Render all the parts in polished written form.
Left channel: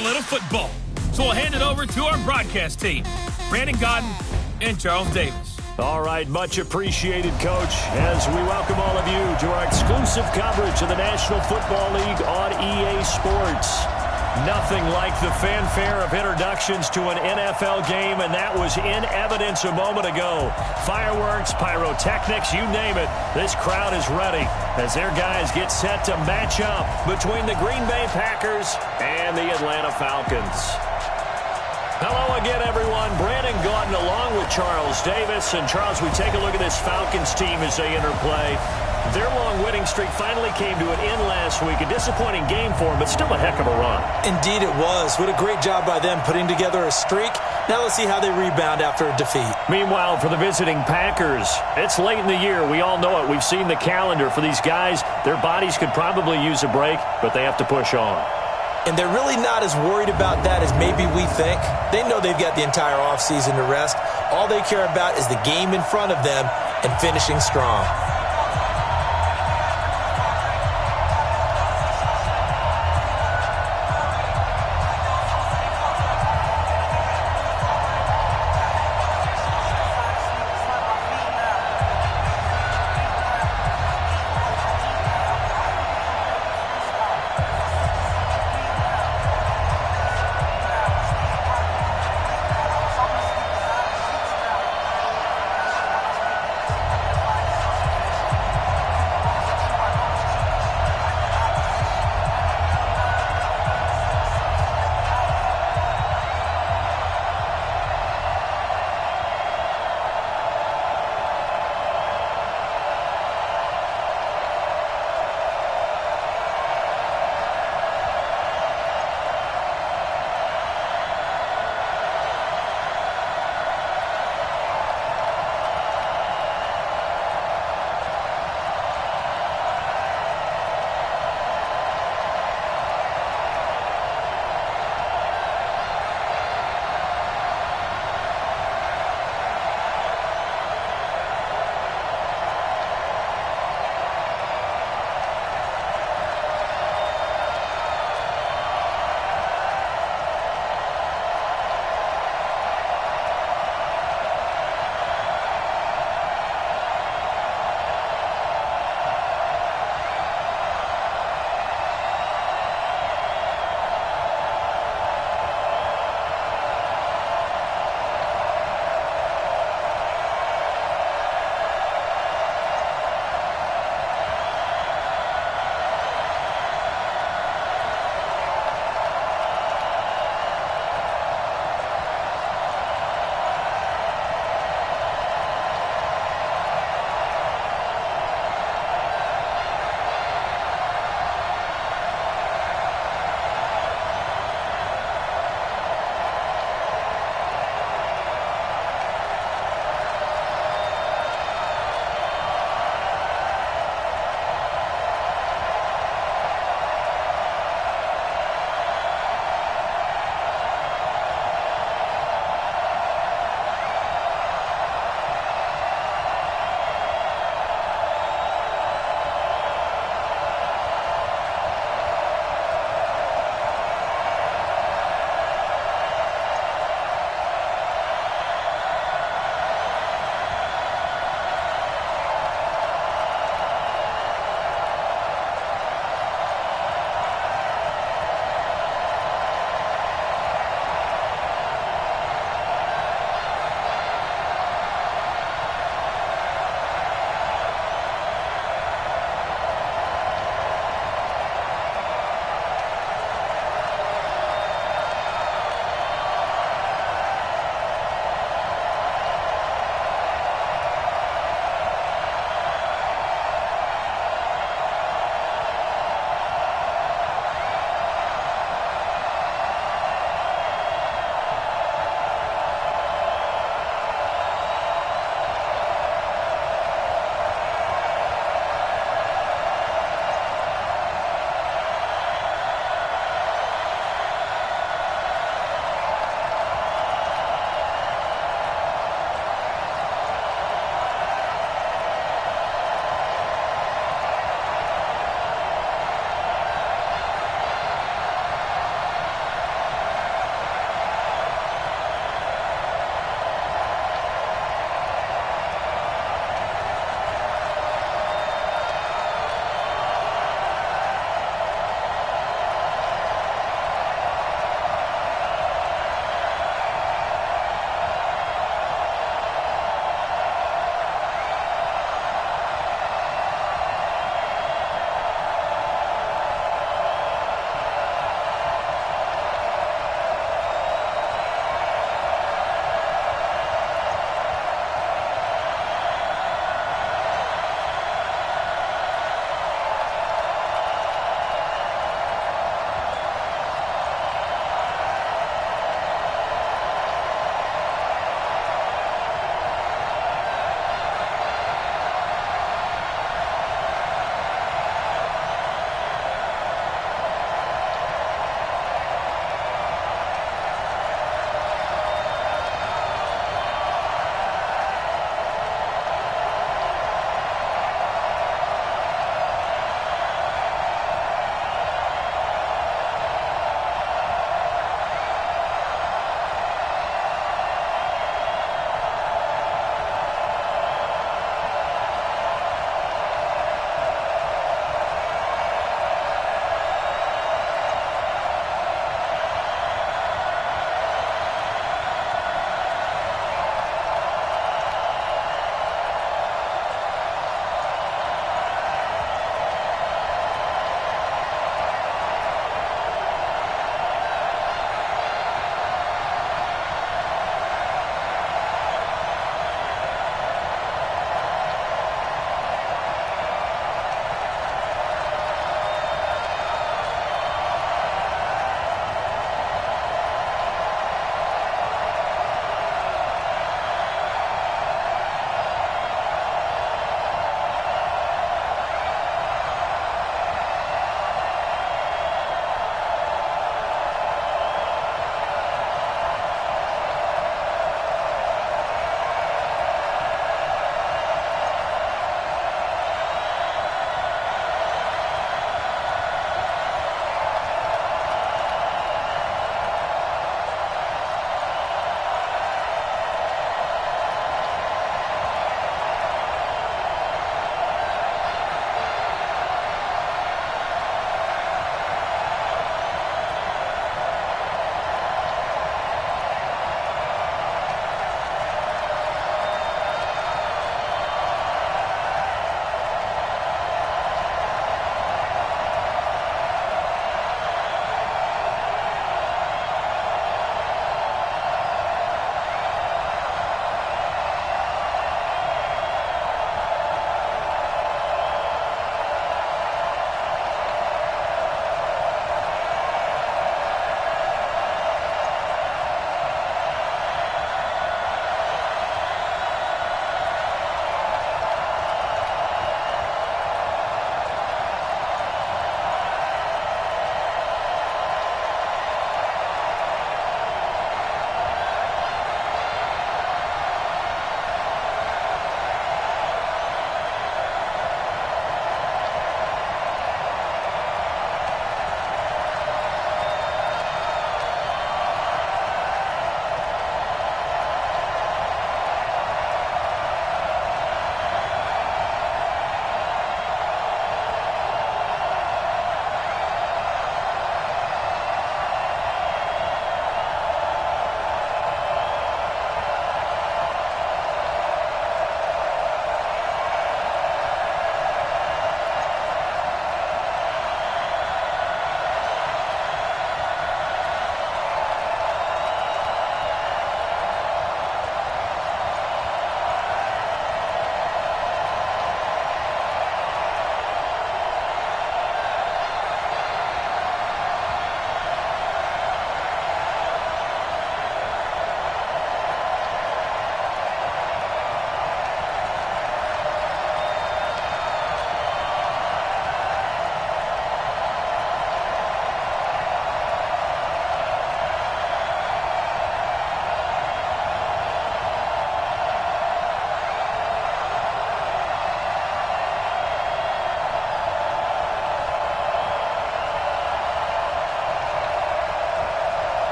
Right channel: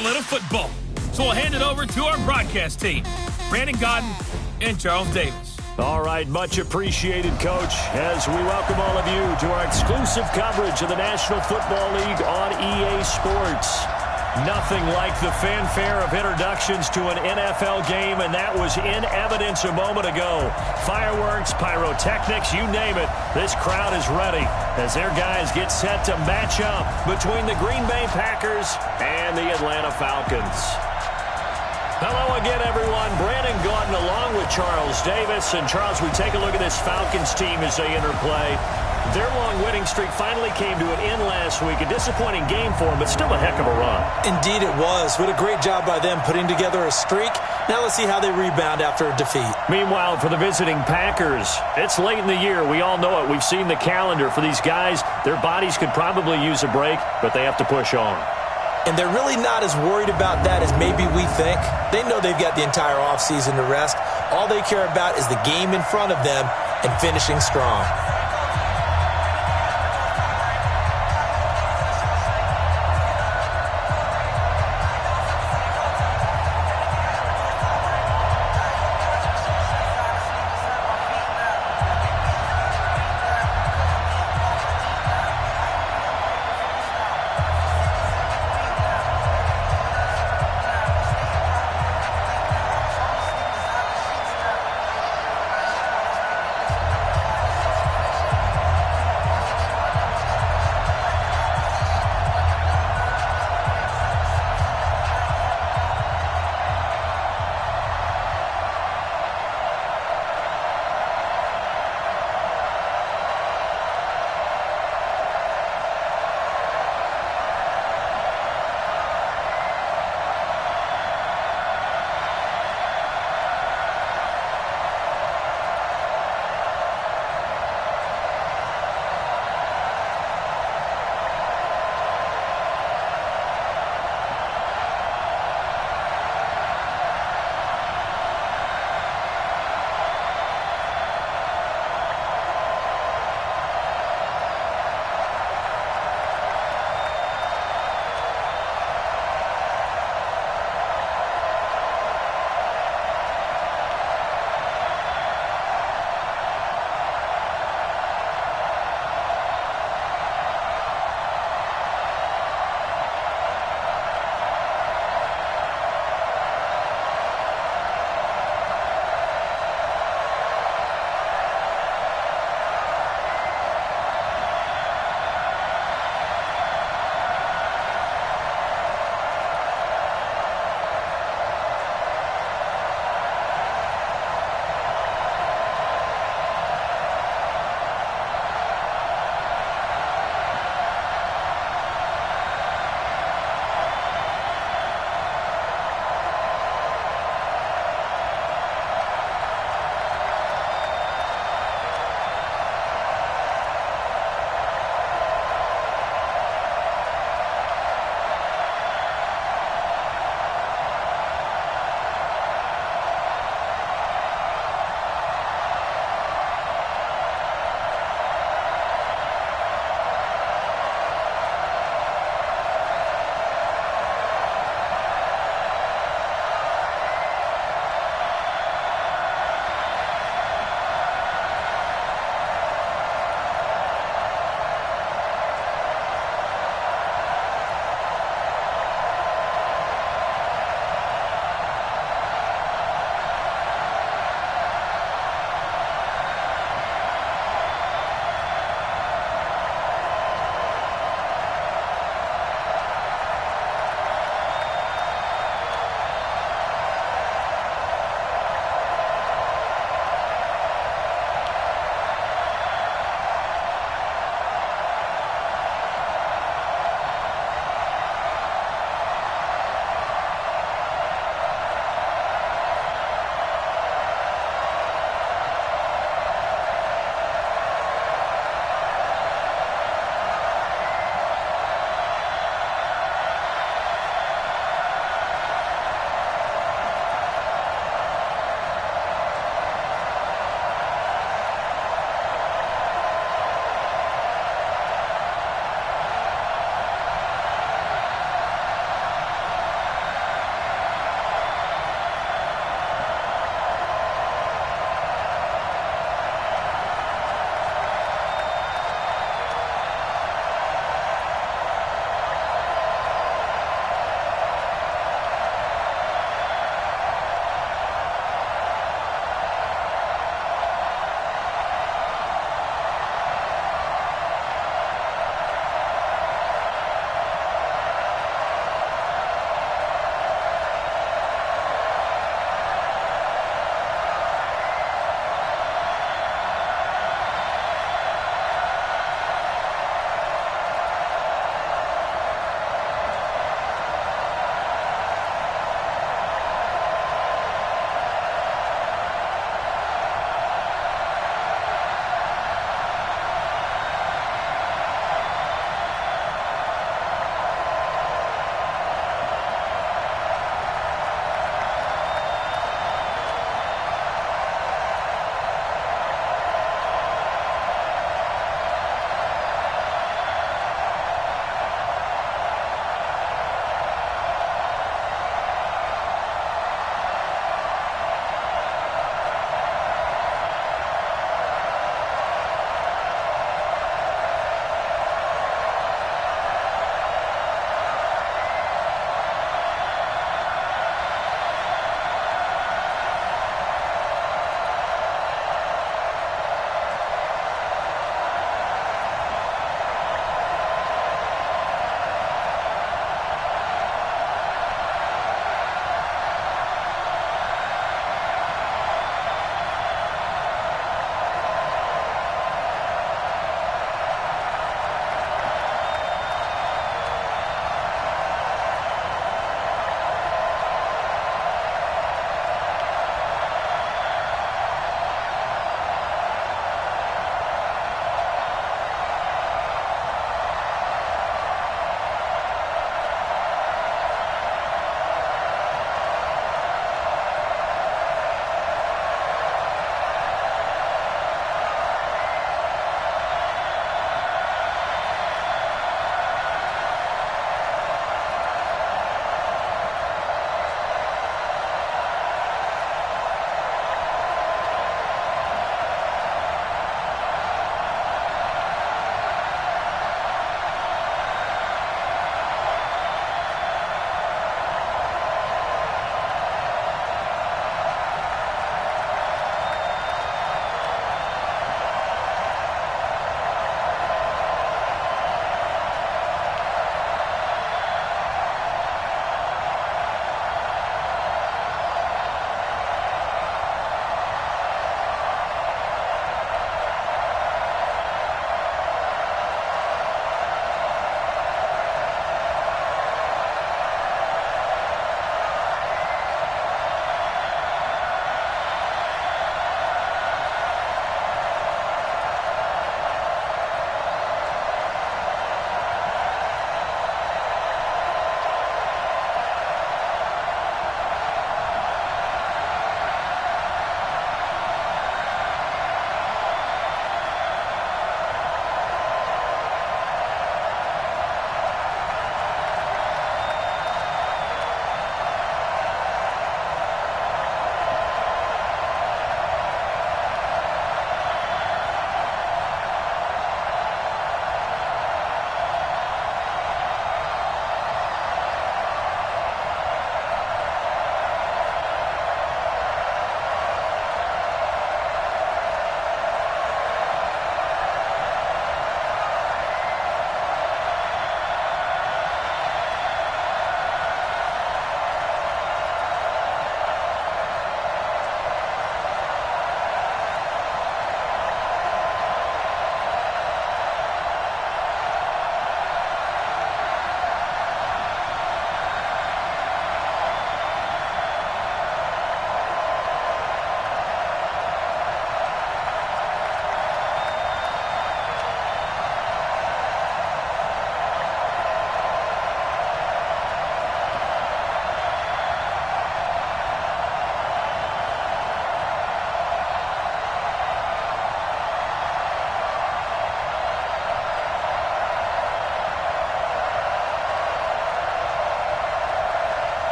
correlate of football. So we'll hand it over to our broadcast team, Brandon Godden and Charles Davis. All right, much appreciated, Coach, as we welcome all of you to our exclusive coverage of the National Football League on EA Sports. Nothing like the fanfare of introductions to an NFL game, and that was in evidence a moment ago. Fireworks, pyrotechnics, you name it, this crowd is ready as their guys get set to match up between the Green Bay Packers and the Atlanta Falcons. Hello again, everyone. Brandon Gaudin along with Charles Davis. And, Charles, we take a look at this Falcons team as they enter play. Their long winning streak finally came to an end last week. A disappointing game for them, but still a heck of a run. Indeed it was. What a great job by them putting together a streak. Now let's see how they rebound after a defeat. Meanwhile, for the visiting Packers, it's late in the year. We all know it. We've seen the calendar for these guys. Their bodies could probably use a break, but they have to push on. And they're really not as worried about that as maybe we think. They know they've got the entire offseason to rest. All they care about is the game in front of them and finishing strong.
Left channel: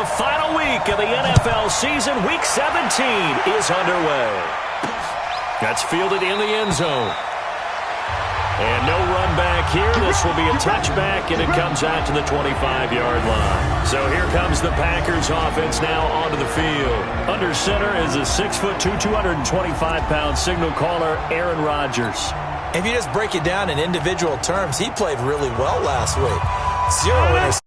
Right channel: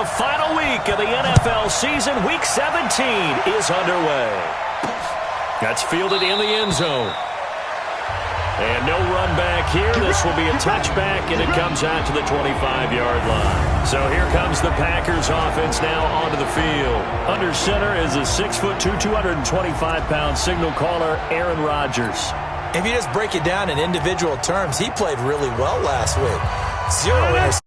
the final week of the NFL season. Week 17 is underway. That's fielded in the end zone. And no run back here. This will be a touchback, and it comes out to the 25-yard line. So here comes the Packers offense now onto the field. Under center is a 6'2", 225-pound signal caller, Aaron Rodgers. If you just break it down in individual terms, he played really well last week. 0 interceptions.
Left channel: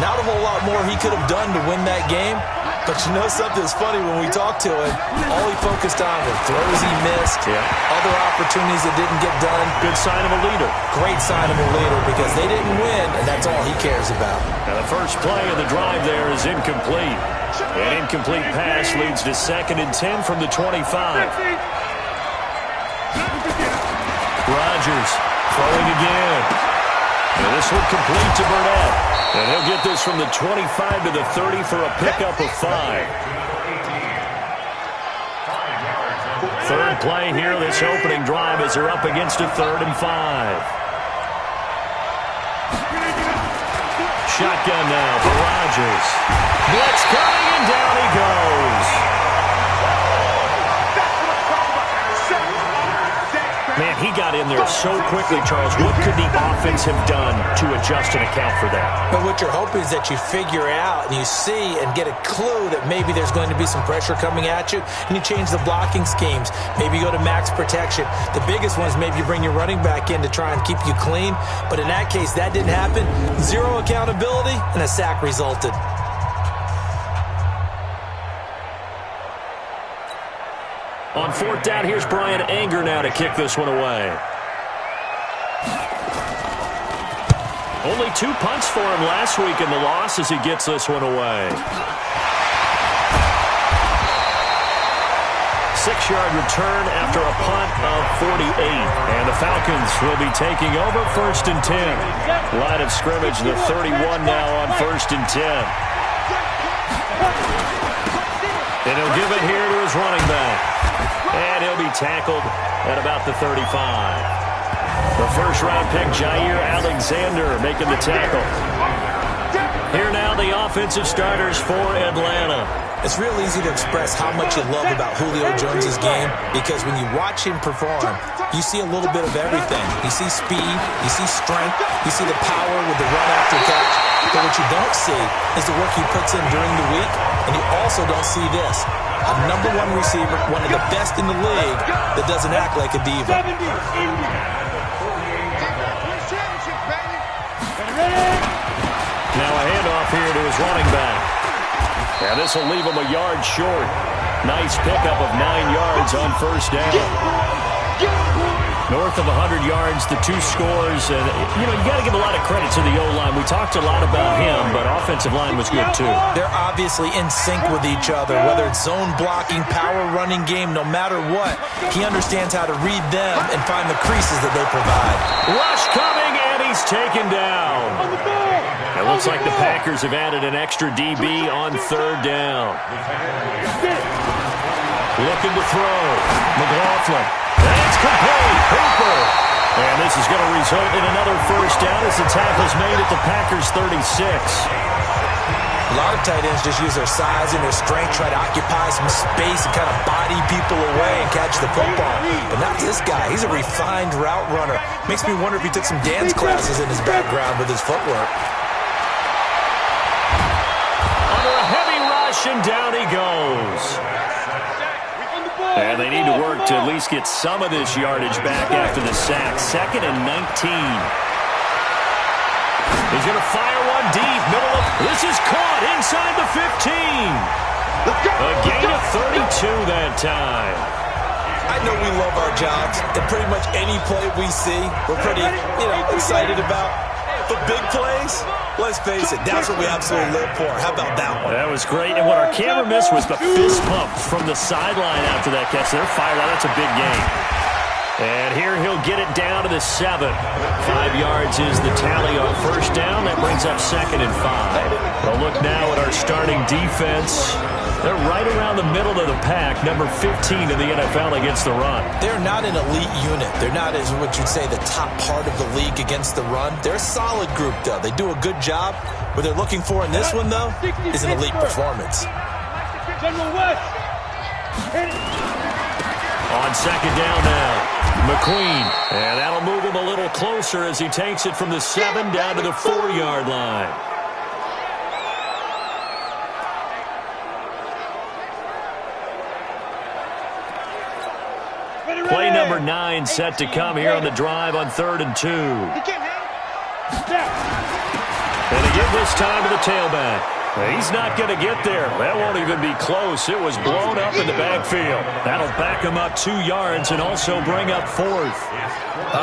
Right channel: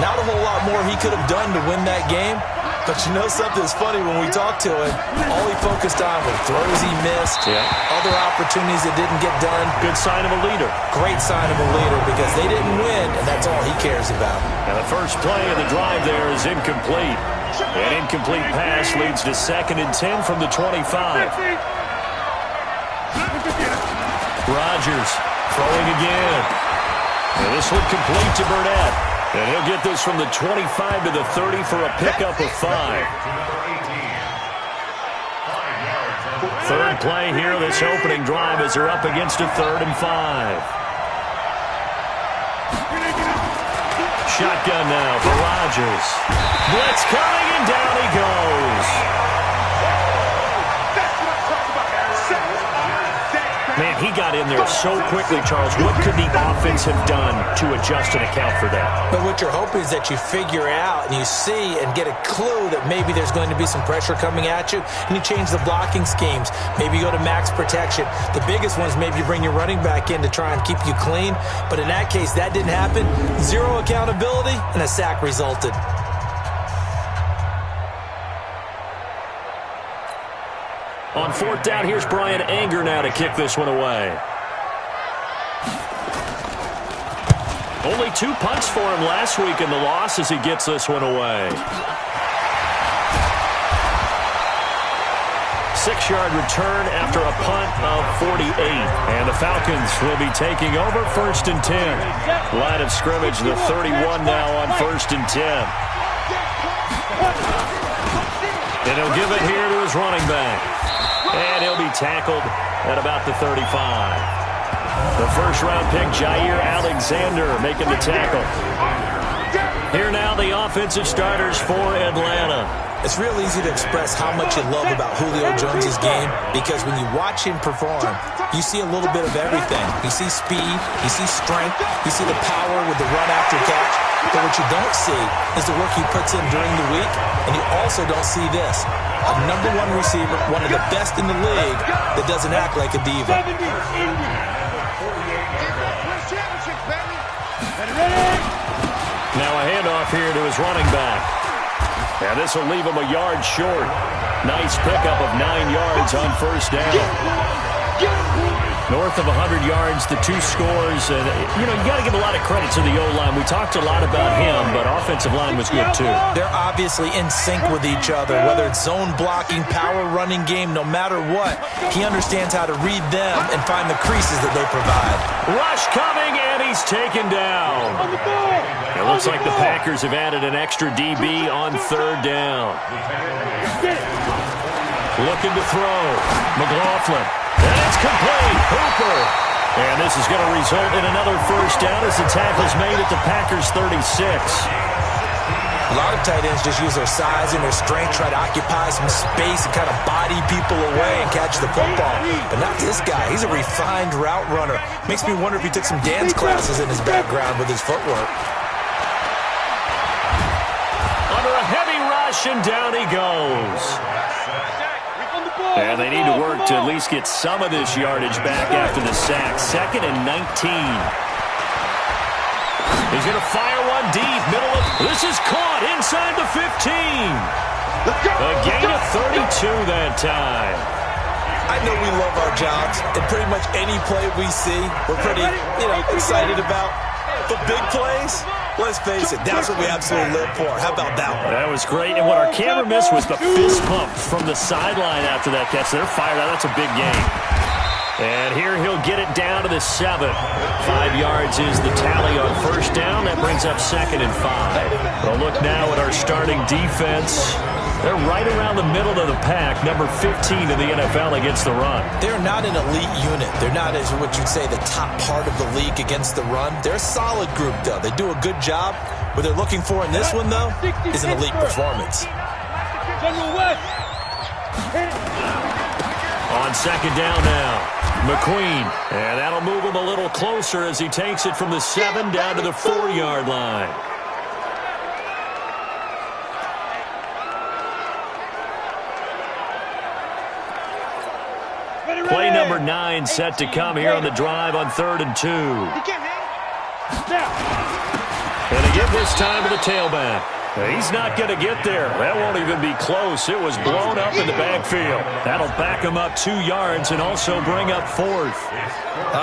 Not a whole lot more he could have done to win that game. But you know something's funny, when we talked to him, all he focused on were throws he missed, other opportunities that didn't get done. Good sign of a leader. Great sign of a leader, because they didn't win, and that's all he cares about. And the first play of the drive there is incomplete. An incomplete pass leads to 2nd and 10 from the 25. Rodgers throwing again. And this one complete to Burnett. And he'll get this from the 25 to the 30 for a pickup of 5. Third play here, this opening drive, as they're up against a 3rd and 5. Shotgun now for Rodgers. Blitz coming, and down he goes. Man, he got in there so quickly, Charles. What could the offense have done to adjust and account for that? But what you're hoping is that you figure out and you see and get a clue that maybe there's going to be some pressure coming at you, and you change the blocking schemes. Maybe you go to max protection. The biggest one is maybe you bring your running back in to try and keep you clean. But in that case, that didn't happen. 0 accountability, and a sack resulted. On 4th down, here's Brian Anger now to kick this one away. Only 2 punts for him last week in the loss as he gets this one away. 6-yard return after a punt of 48. And the Falcons will be taking over 1st and 10. Line of scrimmage, the 31 now on 1st and 10. And he'll give it here to his running back. And he'll be tackled at about the 35. The first-round pick, Jair Alexander, making the tackle. Here now, the offensive starters for Atlanta. It's real easy to express how much you love about Julio Jones' game, because when you watch him perform, you see a little bit of everything. You see speed, you see strength, you see the power with the run after catch. But what you don't see is the work he puts in during the week, and you also don't see this. A #1 receiver, one of the best in the league, that doesn't act like a diva. Now a handoff here to his running back. And this will leave him a yard short. Nice pickup of 9 yards on 1st down. North of 100 yards, the 2 scores. And, you know, you got to give a lot of credit to the O-line. We talked a lot about him, but offensive line was good, too. They're obviously in sync with each other, whether it's zone blocking, power running game, no matter what. He understands how to read them and find the creases that they provide. Rush coming, and he's taken down. It looks like the Packers have added an extra DB on 3rd down. Looking to throw. McLaughlin. And it's complete. Hooper. And this is going to result in another 1st down as the tackle's made at the Packers' 36. A lot of tight ends just use their size and their strength, try to occupy some space and kind of body people away and catch the football. But not this guy. He's a refined route runner. Makes me wonder if he took some dance classes in his background with his footwork. Under a heavy rush, and down he goes. And they need to work to at least get some of this yardage back after the sack. 2nd and 19. He's going to fire one deep. Middle of... This is caught inside the 15. A gain of 32 that time. I know we love our jobs, and pretty much any play we see, we're pretty, excited about. But big plays, let's face it, that's what we absolutely live for. How about that one? That was great. And what our camera missed was the fist pump from the sideline after that catch. They're fired out. That's a big gain. And here he'll get it down to the 7. 5 yards is the tally on 1st down. That brings up 2nd and 5. We'll look now at our starting defense. They're right around the middle of the pack, number 15 in the NFL against the run. They're not an elite unit. They're not, as what you'd say, the top part of the league against the run. They're a solid group, though. They do a good job. What they're looking for in this one, though, is an elite performance. On second down now, McQueen. And that'll move him a little closer as he takes it from the 7 down to the 4-yard line. Play number 9 set to come here on the drive on 3rd and 2. And they give this time to the tailback. He's not going to get there. That won't even be close. It was blown up in the backfield. That'll back him up 2 yards and also bring up 4th.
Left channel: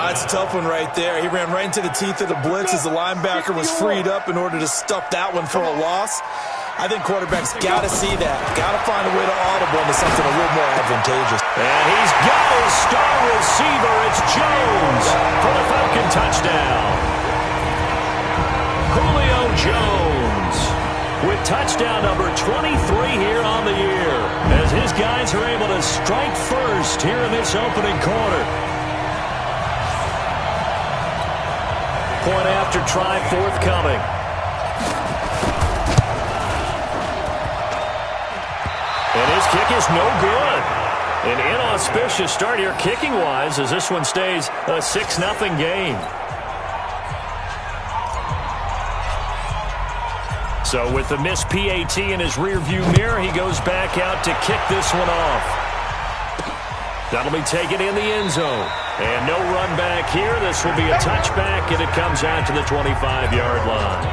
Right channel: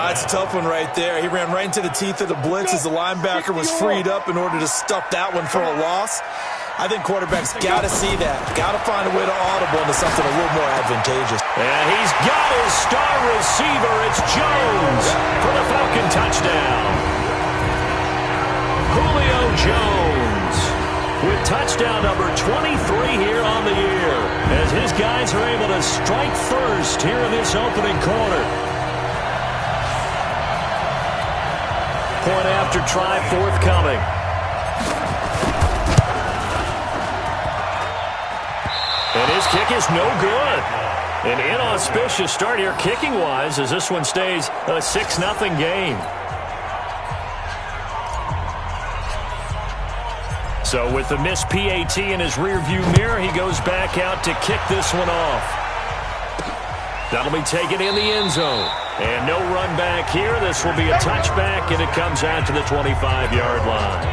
It's a tough one right there. He ran right into the teeth of the blitz as the linebacker was freed up in order to stuff that one for a loss. I think quarterbacks got to see that. Got to find a way to audible into something a little more advantageous. And he's got his star receiver. It's Jones for the Falcon touchdown. Julio Jones with touchdown number 23 here on the year, as his guys are able to strike first here in this opening quarter. Point after try forthcoming. And his kick is no good. An inauspicious start here kicking-wise as this one stays a 6-0 game. So with the missed PAT in his rearview mirror, he goes back out to kick this one off. That'll be taken in the end zone. And no run back here. This will be a touchback, and it comes out to the 25-yard line.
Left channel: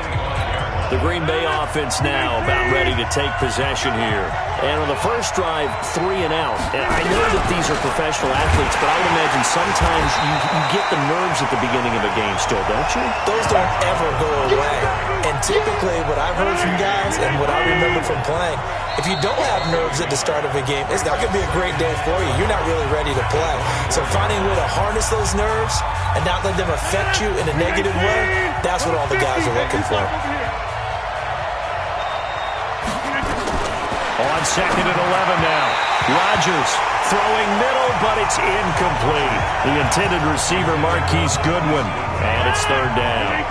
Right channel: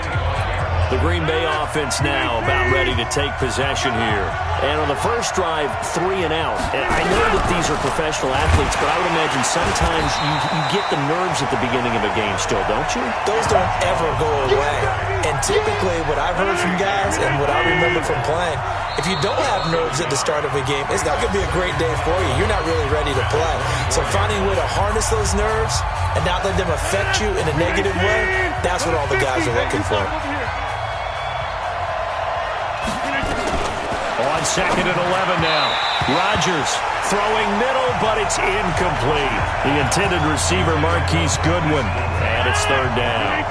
The Green Bay offense now about ready to take possession here. And on the first drive, 3 and out. And I know that these are professional athletes, but I would imagine sometimes you get the nerves at the beginning of a game still, don't you? Those don't ever go away. And typically what I've heard from guys and what I remember from playing, if you don't have nerves at the start of a game, it's not going to be a great day for you. You're not really ready to play. So finding a way to harness those nerves and not let them affect you in a negative way, that's what all the guys are looking for. On second and 11 now. Rodgers throwing middle, but it's incomplete. The intended receiver, Marquise Goodwin. And it's 3rd down.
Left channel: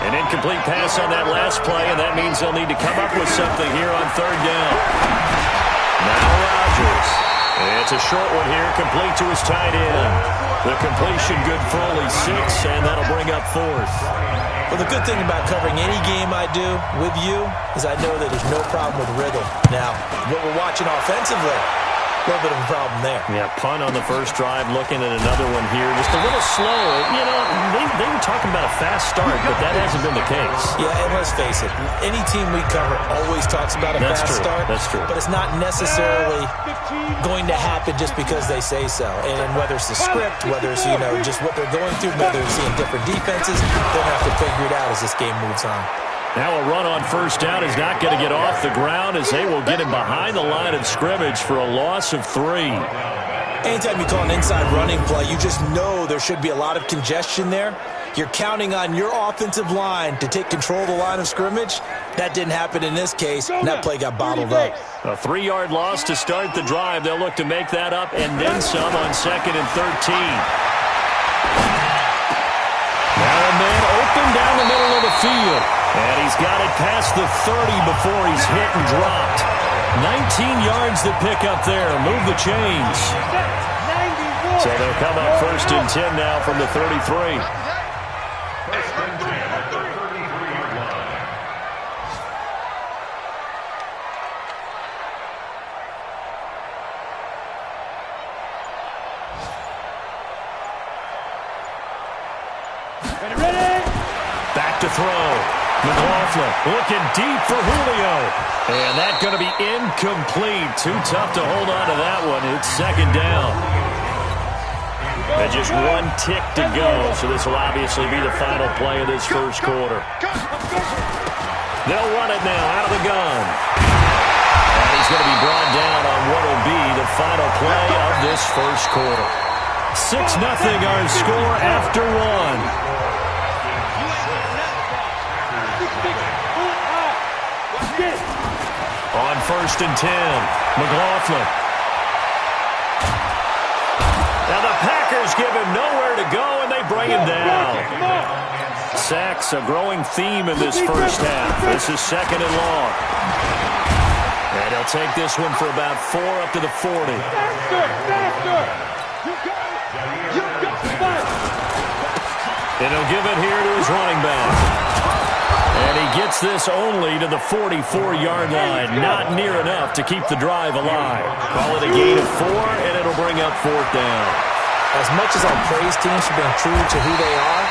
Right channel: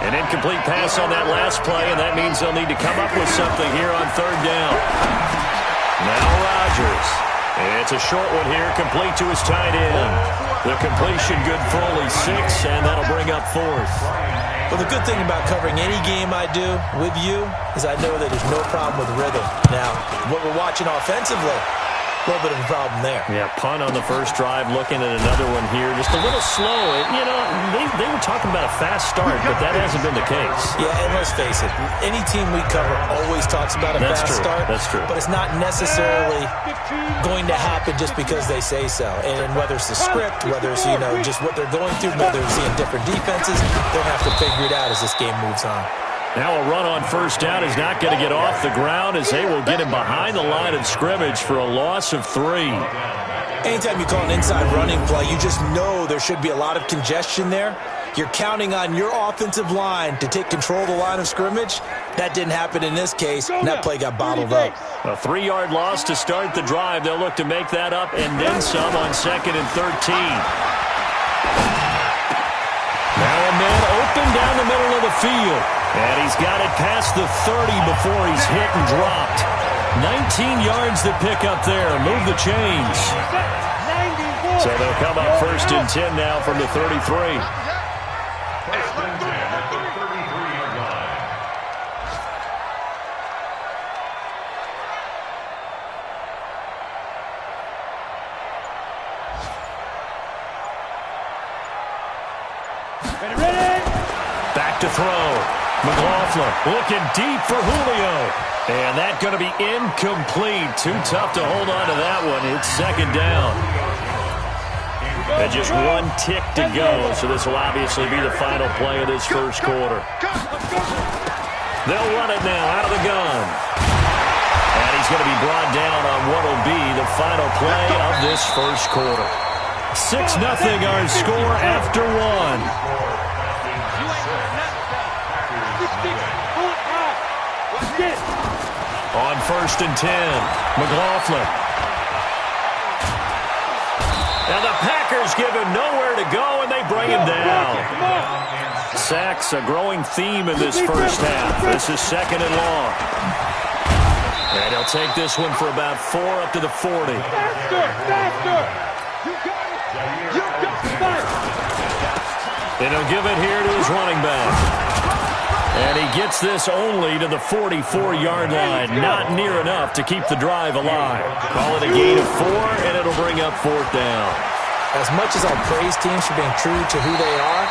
An incomplete pass on that last play, and that means they'll need to come up with something here on 3rd down. Now Rodgers. It's a short one here, complete to his tight end. The completion good for only 6, and that'll bring up 4th. Well, the good thing about covering any game I do with you is I know that there's no problem with rhythm. Now, what we're watching offensively, a little bit of a problem there. Yeah, punt on the first drive, looking at another one here. Just a little slow. You know, they were talking about a fast start, but that hasn't been the case. Yeah, and let's face it, any team we cover always talks about a fast start. That's true. But it's not necessarily going to happen just because they say so. And whether it's the script, whether it's, you know, just what they're going through, whether they're seeing different defenses, they'll have to figure it out as this game moves on. Now a run on first down is not going to get off the ground as they will get him behind the line of scrimmage for a loss of 3. Anytime you call an inside running play, you just know there should be a lot of congestion there. You're counting on your offensive line to take control of the line of scrimmage. That didn't happen in this case, and that play got bottled up. A 3-yard loss to start the drive. They'll look to make that up and then some on 2nd and 13. Now a man open down the middle of the field. And he's got it past the 30 before he's hit and dropped. 19 yards to pick up there. Move the chains. So they'll come up 1st and 10 now from the 33. 1st and 10 at the 33-yard line. Back to throw. McLaughlin looking deep for Julio. And that's going to be incomplete. Too tough to hold on to that one. It's 2nd down. And just 1 tick to go. So this will obviously be the final play of this first quarter. They'll run it now out of the gun. And he's going to be brought down on what will be the final play of this first quarter. 6-0 our score after 1. On 1st and 10, McLaughlin. Now the Packers give him nowhere to go, and they bring him down. Sacks, a growing theme in this first half. This is 2nd and long. And he'll take this one for about 4 up to the 40. Faster! You got it! And he'll give it here to his running back. And he gets this only to the 44-yard line. Not near enough to keep the drive alive. Call it a gain of 4, and it'll bring up 4th down. As much as I'll praise teams for being true to who they are,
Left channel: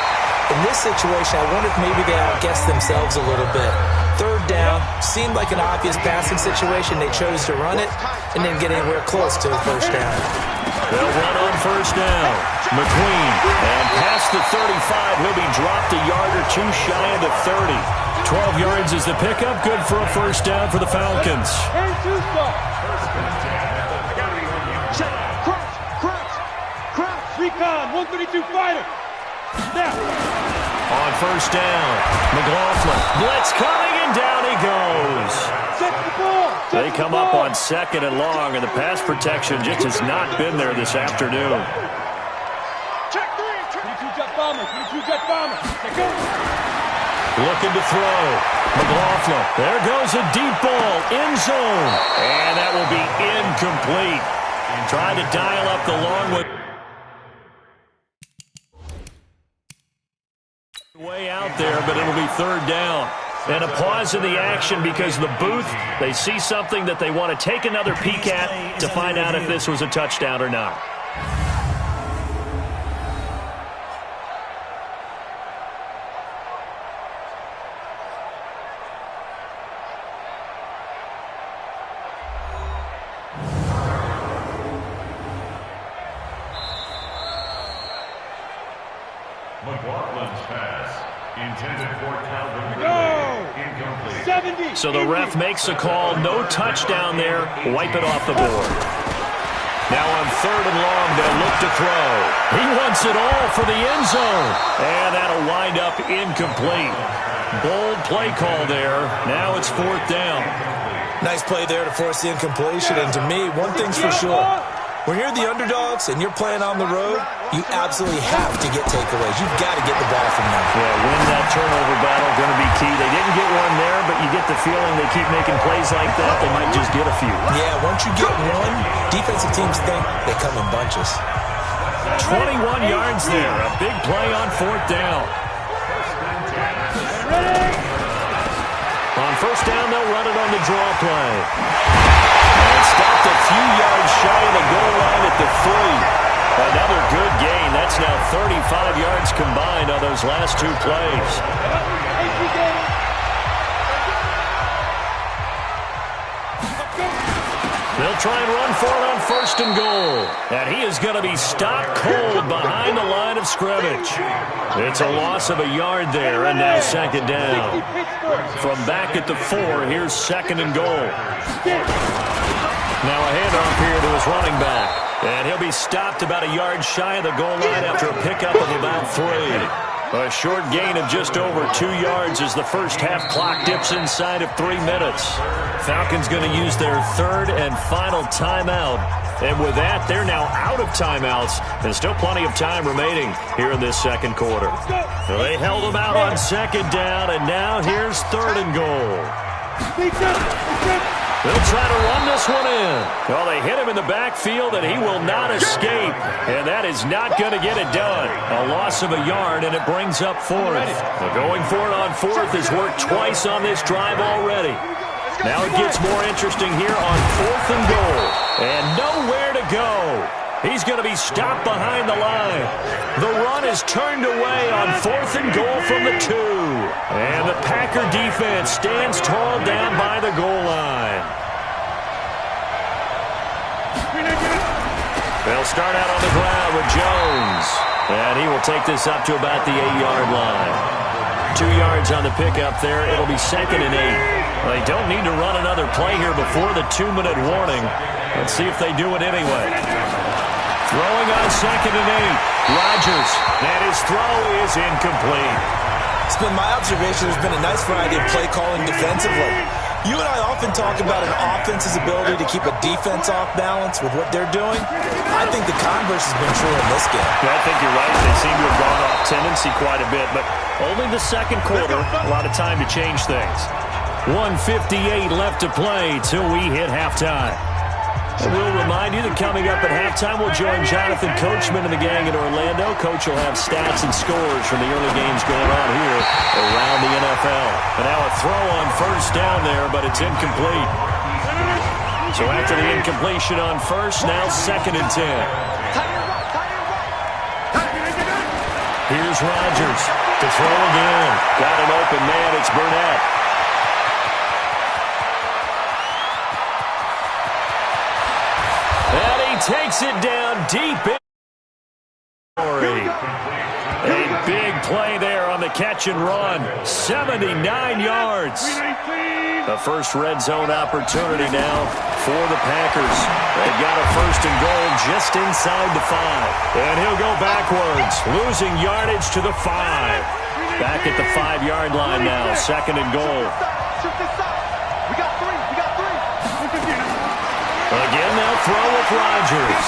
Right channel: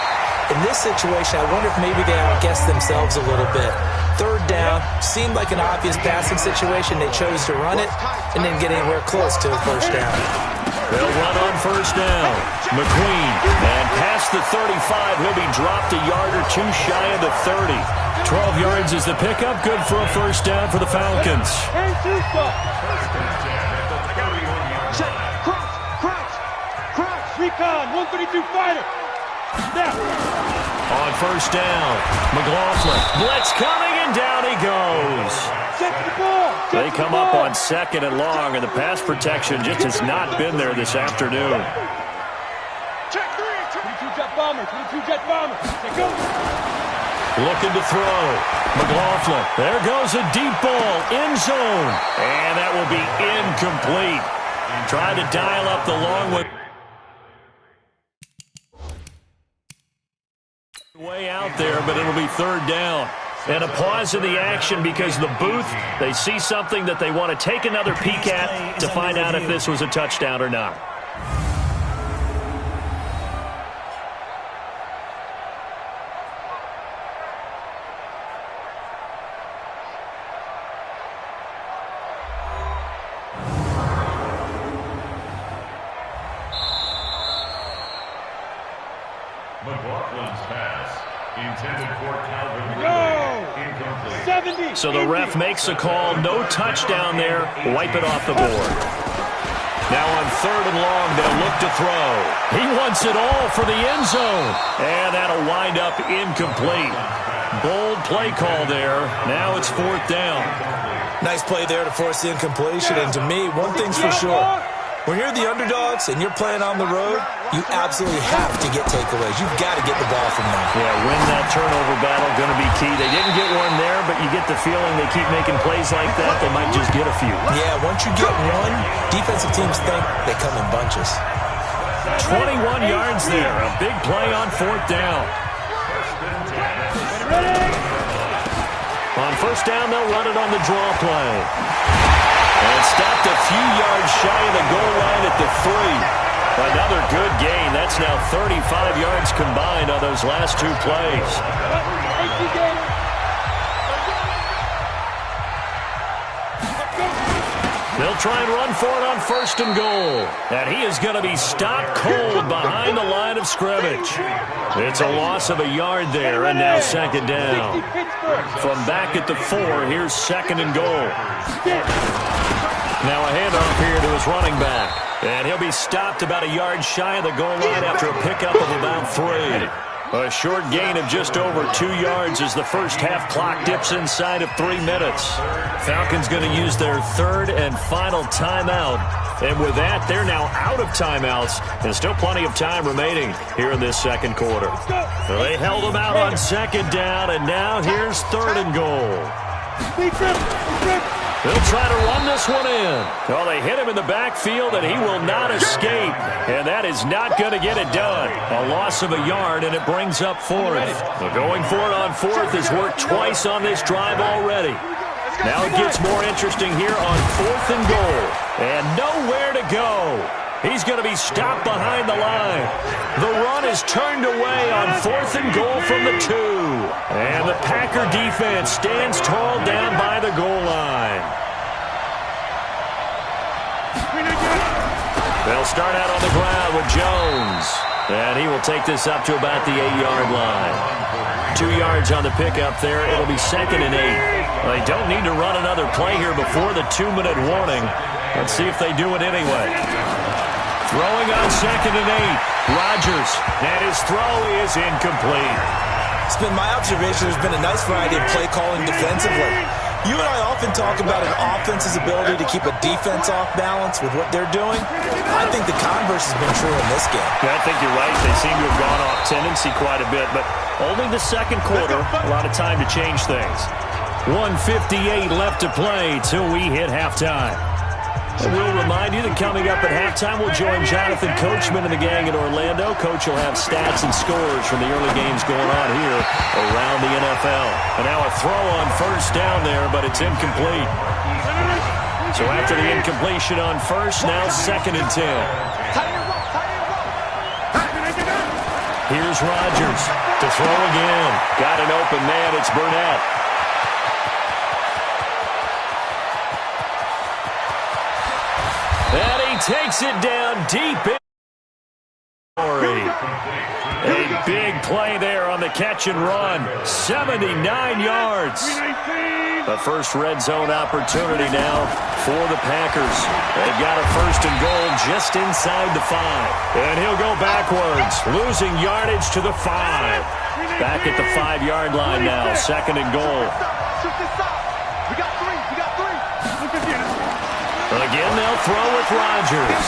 in this situation, I wonder if maybe they outguessed themselves a little bit. 3rd down seemed like an obvious passing situation. They chose to run it and didn't get anywhere close to a 1st down. They'll run on 1st down. McQueen, and past the 35, he'll be dropped a yard or 2 shy of the 30. 12 yards is the pickup. Good for a 1st down for the Falcons. And 2 stop. Check. Crouch. Recon. 132 fighter. Snap. On 1st down, McLaughlin. Blitz coming, and down he goes. Check the ball. They come up on 2nd and long, and the pass protection just has not been there this afternoon. Check 3. 22 jet bomber. Take go. Looking to throw. McLaughlin. There goes a deep ball. End zone. And that will be incomplete. Trying to dial up the long one. Way out there, but it'll be 3rd down. And a pause in the action because the booth, they see something that they want to take another peek at to find out if this was a touchdown or not. McLaughlin's pass intended for Calvin Ridley. Incomplete. 70. So the ref makes a call. No touchdown there. Wipe it off the board. Now on 3rd and long, they'll look to throw. He wants it all for the end zone. And that'll wind up incomplete. Bold play call there. Now it's 4th down. Nice play there to force the incompletion. And to me, one thing's for sure. When you're the underdogs and you're playing on the road, you absolutely have to get takeaways. You've got to get the ball from them. Yeah, win that turnover battle, going to be key. They didn't get one there, but you get the feeling they keep making plays like that, they might just get a few. Yeah, once you get one, defensive teams think they come in bunches. 21 yards there. A big play on 4th down. On 1st down, they'll run it on the draw play. And stopped a few yards shy of the goal line at the 3. Another good gain. That's now 35 yards combined on those last 2 plays. They'll try and run for it on 1st and goal. And he is going to be stopped cold behind the line of scrimmage. It's a loss of a yard there, and now 2nd down. From back at the 4, here's 2nd and goal. Now a handoff here to his running back. And he'll be stopped about a yard shy of the goal line after a pickup of about 3. A short gain of just over 2 yards as the first half clock dips inside of 3 minutes. Falcons going to use their 3rd and final timeout. And with that, they're now out of timeouts. There's still plenty of time remaining here in this 2nd quarter. They held them out on 2nd down, and now here's 3rd and goal. They'll try to run this one in. Well, they hit him in the backfield, and he will not escape. And that is not going to get it done. A loss of a yard, and it brings up 4th. Well, going for it on 4th has worked twice on this drive already. Now it gets more interesting here on 4th and goal. And nowhere to go. He's going to be stopped behind the line. The run is turned away on 4th and goal from the 2. And the Packer defense stands tall down by the goal line. They'll start out on the ground with Jones. And he will take this up to about the 8-yard line. 2 yards on the pickup there. It'll be 2nd and 8. They don't need to run another play here before the 2-minute warning. Let's see if they do it anyway. Throwing on 2nd and 8. Rodgers. And his throw is incomplete. It's been my observation there's been a nice variety of play calling defensively. You and I often talk about an offense's ability to keep a defense off balance with what they're doing. I think the converse has been true in this game. Yeah, I think you're right. They seem to have gone off tendency quite a bit, but Only the second quarter. A lot of time to change things. 1:58 left to play till we hit halftime. And we'll remind you that coming up at halftime, we'll join Jonathan Coachman and the gang in Orlando. Coach will have stats and scores from the early games going on here around the NFL. And now a throw on first down there, but it's incomplete. So after the incompletion on first, now 2nd and 10. Here's Rodgers to throw again. Got an open man. It's Burnett. And he takes it down deep in. A big play there on the catch and run. 79 yards. The first red zone opportunity now for the Packers. They've got a 1st and goal just inside the 5. And he'll go backwards, losing yardage to the 5. Back at the 5-yard line now, 2nd and goal. We got three. Again, they'll throw with Rodgers.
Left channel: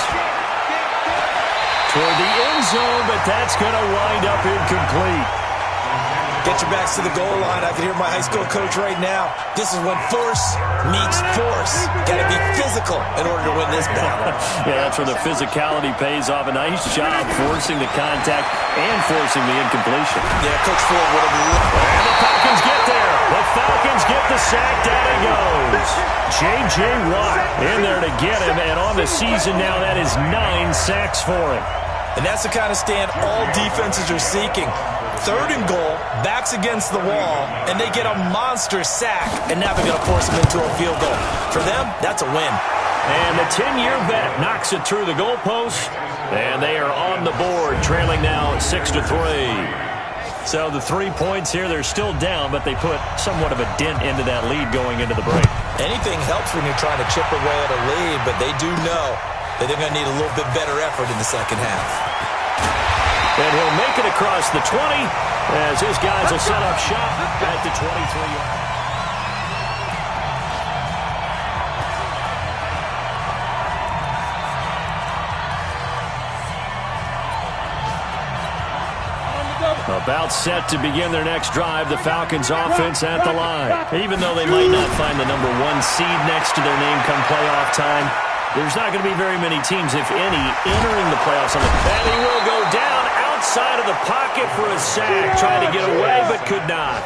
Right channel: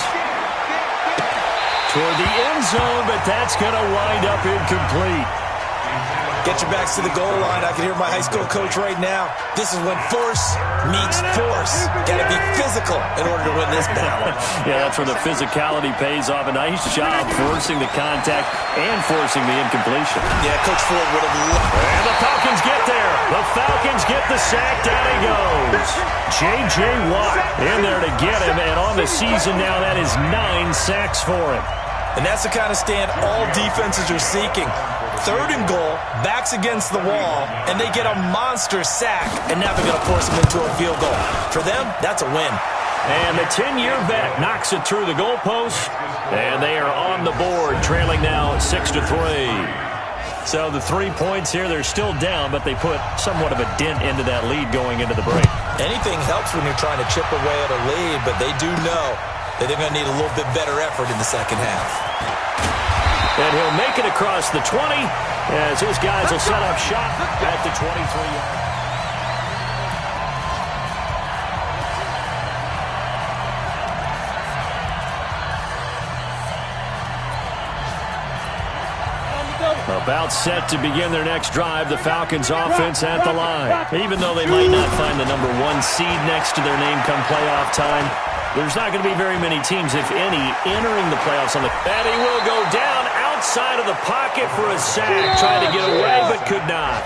Toward the end zone, but that's going to wind up incomplete. Get your backs to the goal line. I can hear my high school coach right now. This is when force meets force. Got to be physical in order to win this battle. Yeah, that's where the physicality pays off. A nice job forcing the contact and forcing the incompletion. Yeah, Coach Ford would have loved. And the Falcons get there. The Falcons get the sack. Down he goes. J.J. Watt in there to get him. And on the season now, that is 9 sacks for him. And that's the kind of stand all defenses are seeking. 3rd and goal, backs against the wall, and they get a monster sack, and now they're going to force them into a field goal. For them, that's a win. And the 10-year vet knocks it through the goalpost, and they are on the board, trailing now 6-3. So the 3 points here, they're still down, but they put somewhat of a dent into that lead going into the break. Anything helps when you're trying to chip away at a lead, but they do know that they're going to need a little bit better effort in the second half. And he'll make it across the 20 as his guys will set up shop at the 23-yard. About set to begin their next drive, the Falcons offense at the line. Even though they might not find the number 1 seed next to their name come playoff time, there's not going to be very many teams, if any, entering the playoffs on the... And he will go down outside of the pocket for a sack. Trying to get away, but could not.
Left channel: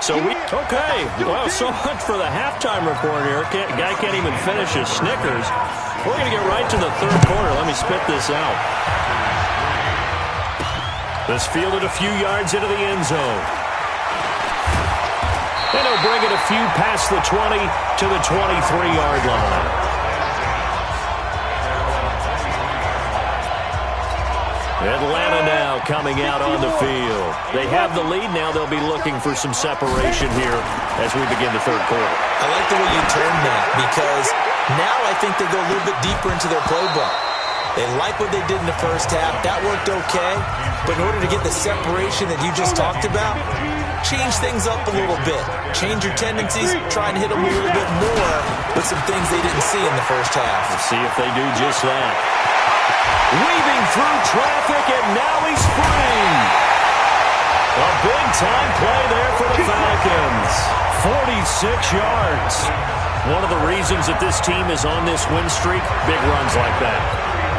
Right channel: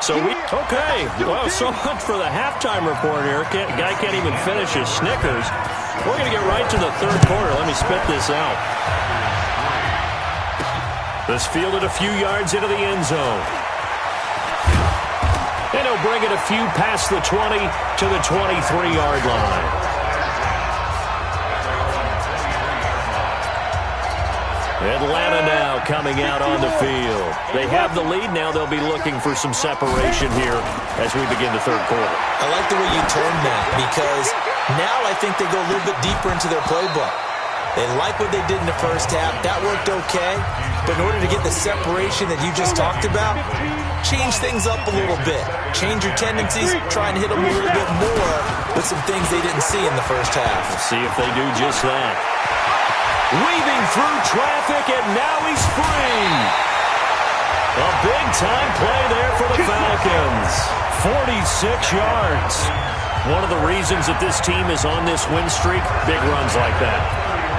So we... Okay. Well, so much for the halftime report here. Guy can't even finish his Snickers. We're going to get right to the 3rd quarter. Let me spit this out. This fielded a few yards into the end zone. And he'll bring it a few past the 20 to the 23-yard line. Atlanta now coming out on the field. They have the lead now. They'll be looking for some separation here as we begin the 3rd quarter. I like the way you turned that because now I think they go a little bit deeper into their playbook. They like what they did in the first half. That worked okay. But in order to get the separation that you just talked about, change things up a little bit. Change your tendencies. Try and hit them a little bit more with some things they didn't see in the first half. We'll see if they do just that. Weaving through traffic, and now he's free. A big-time play there for the Falcons. 46 yards. One of the reasons that this team is on this win streak, big runs like that.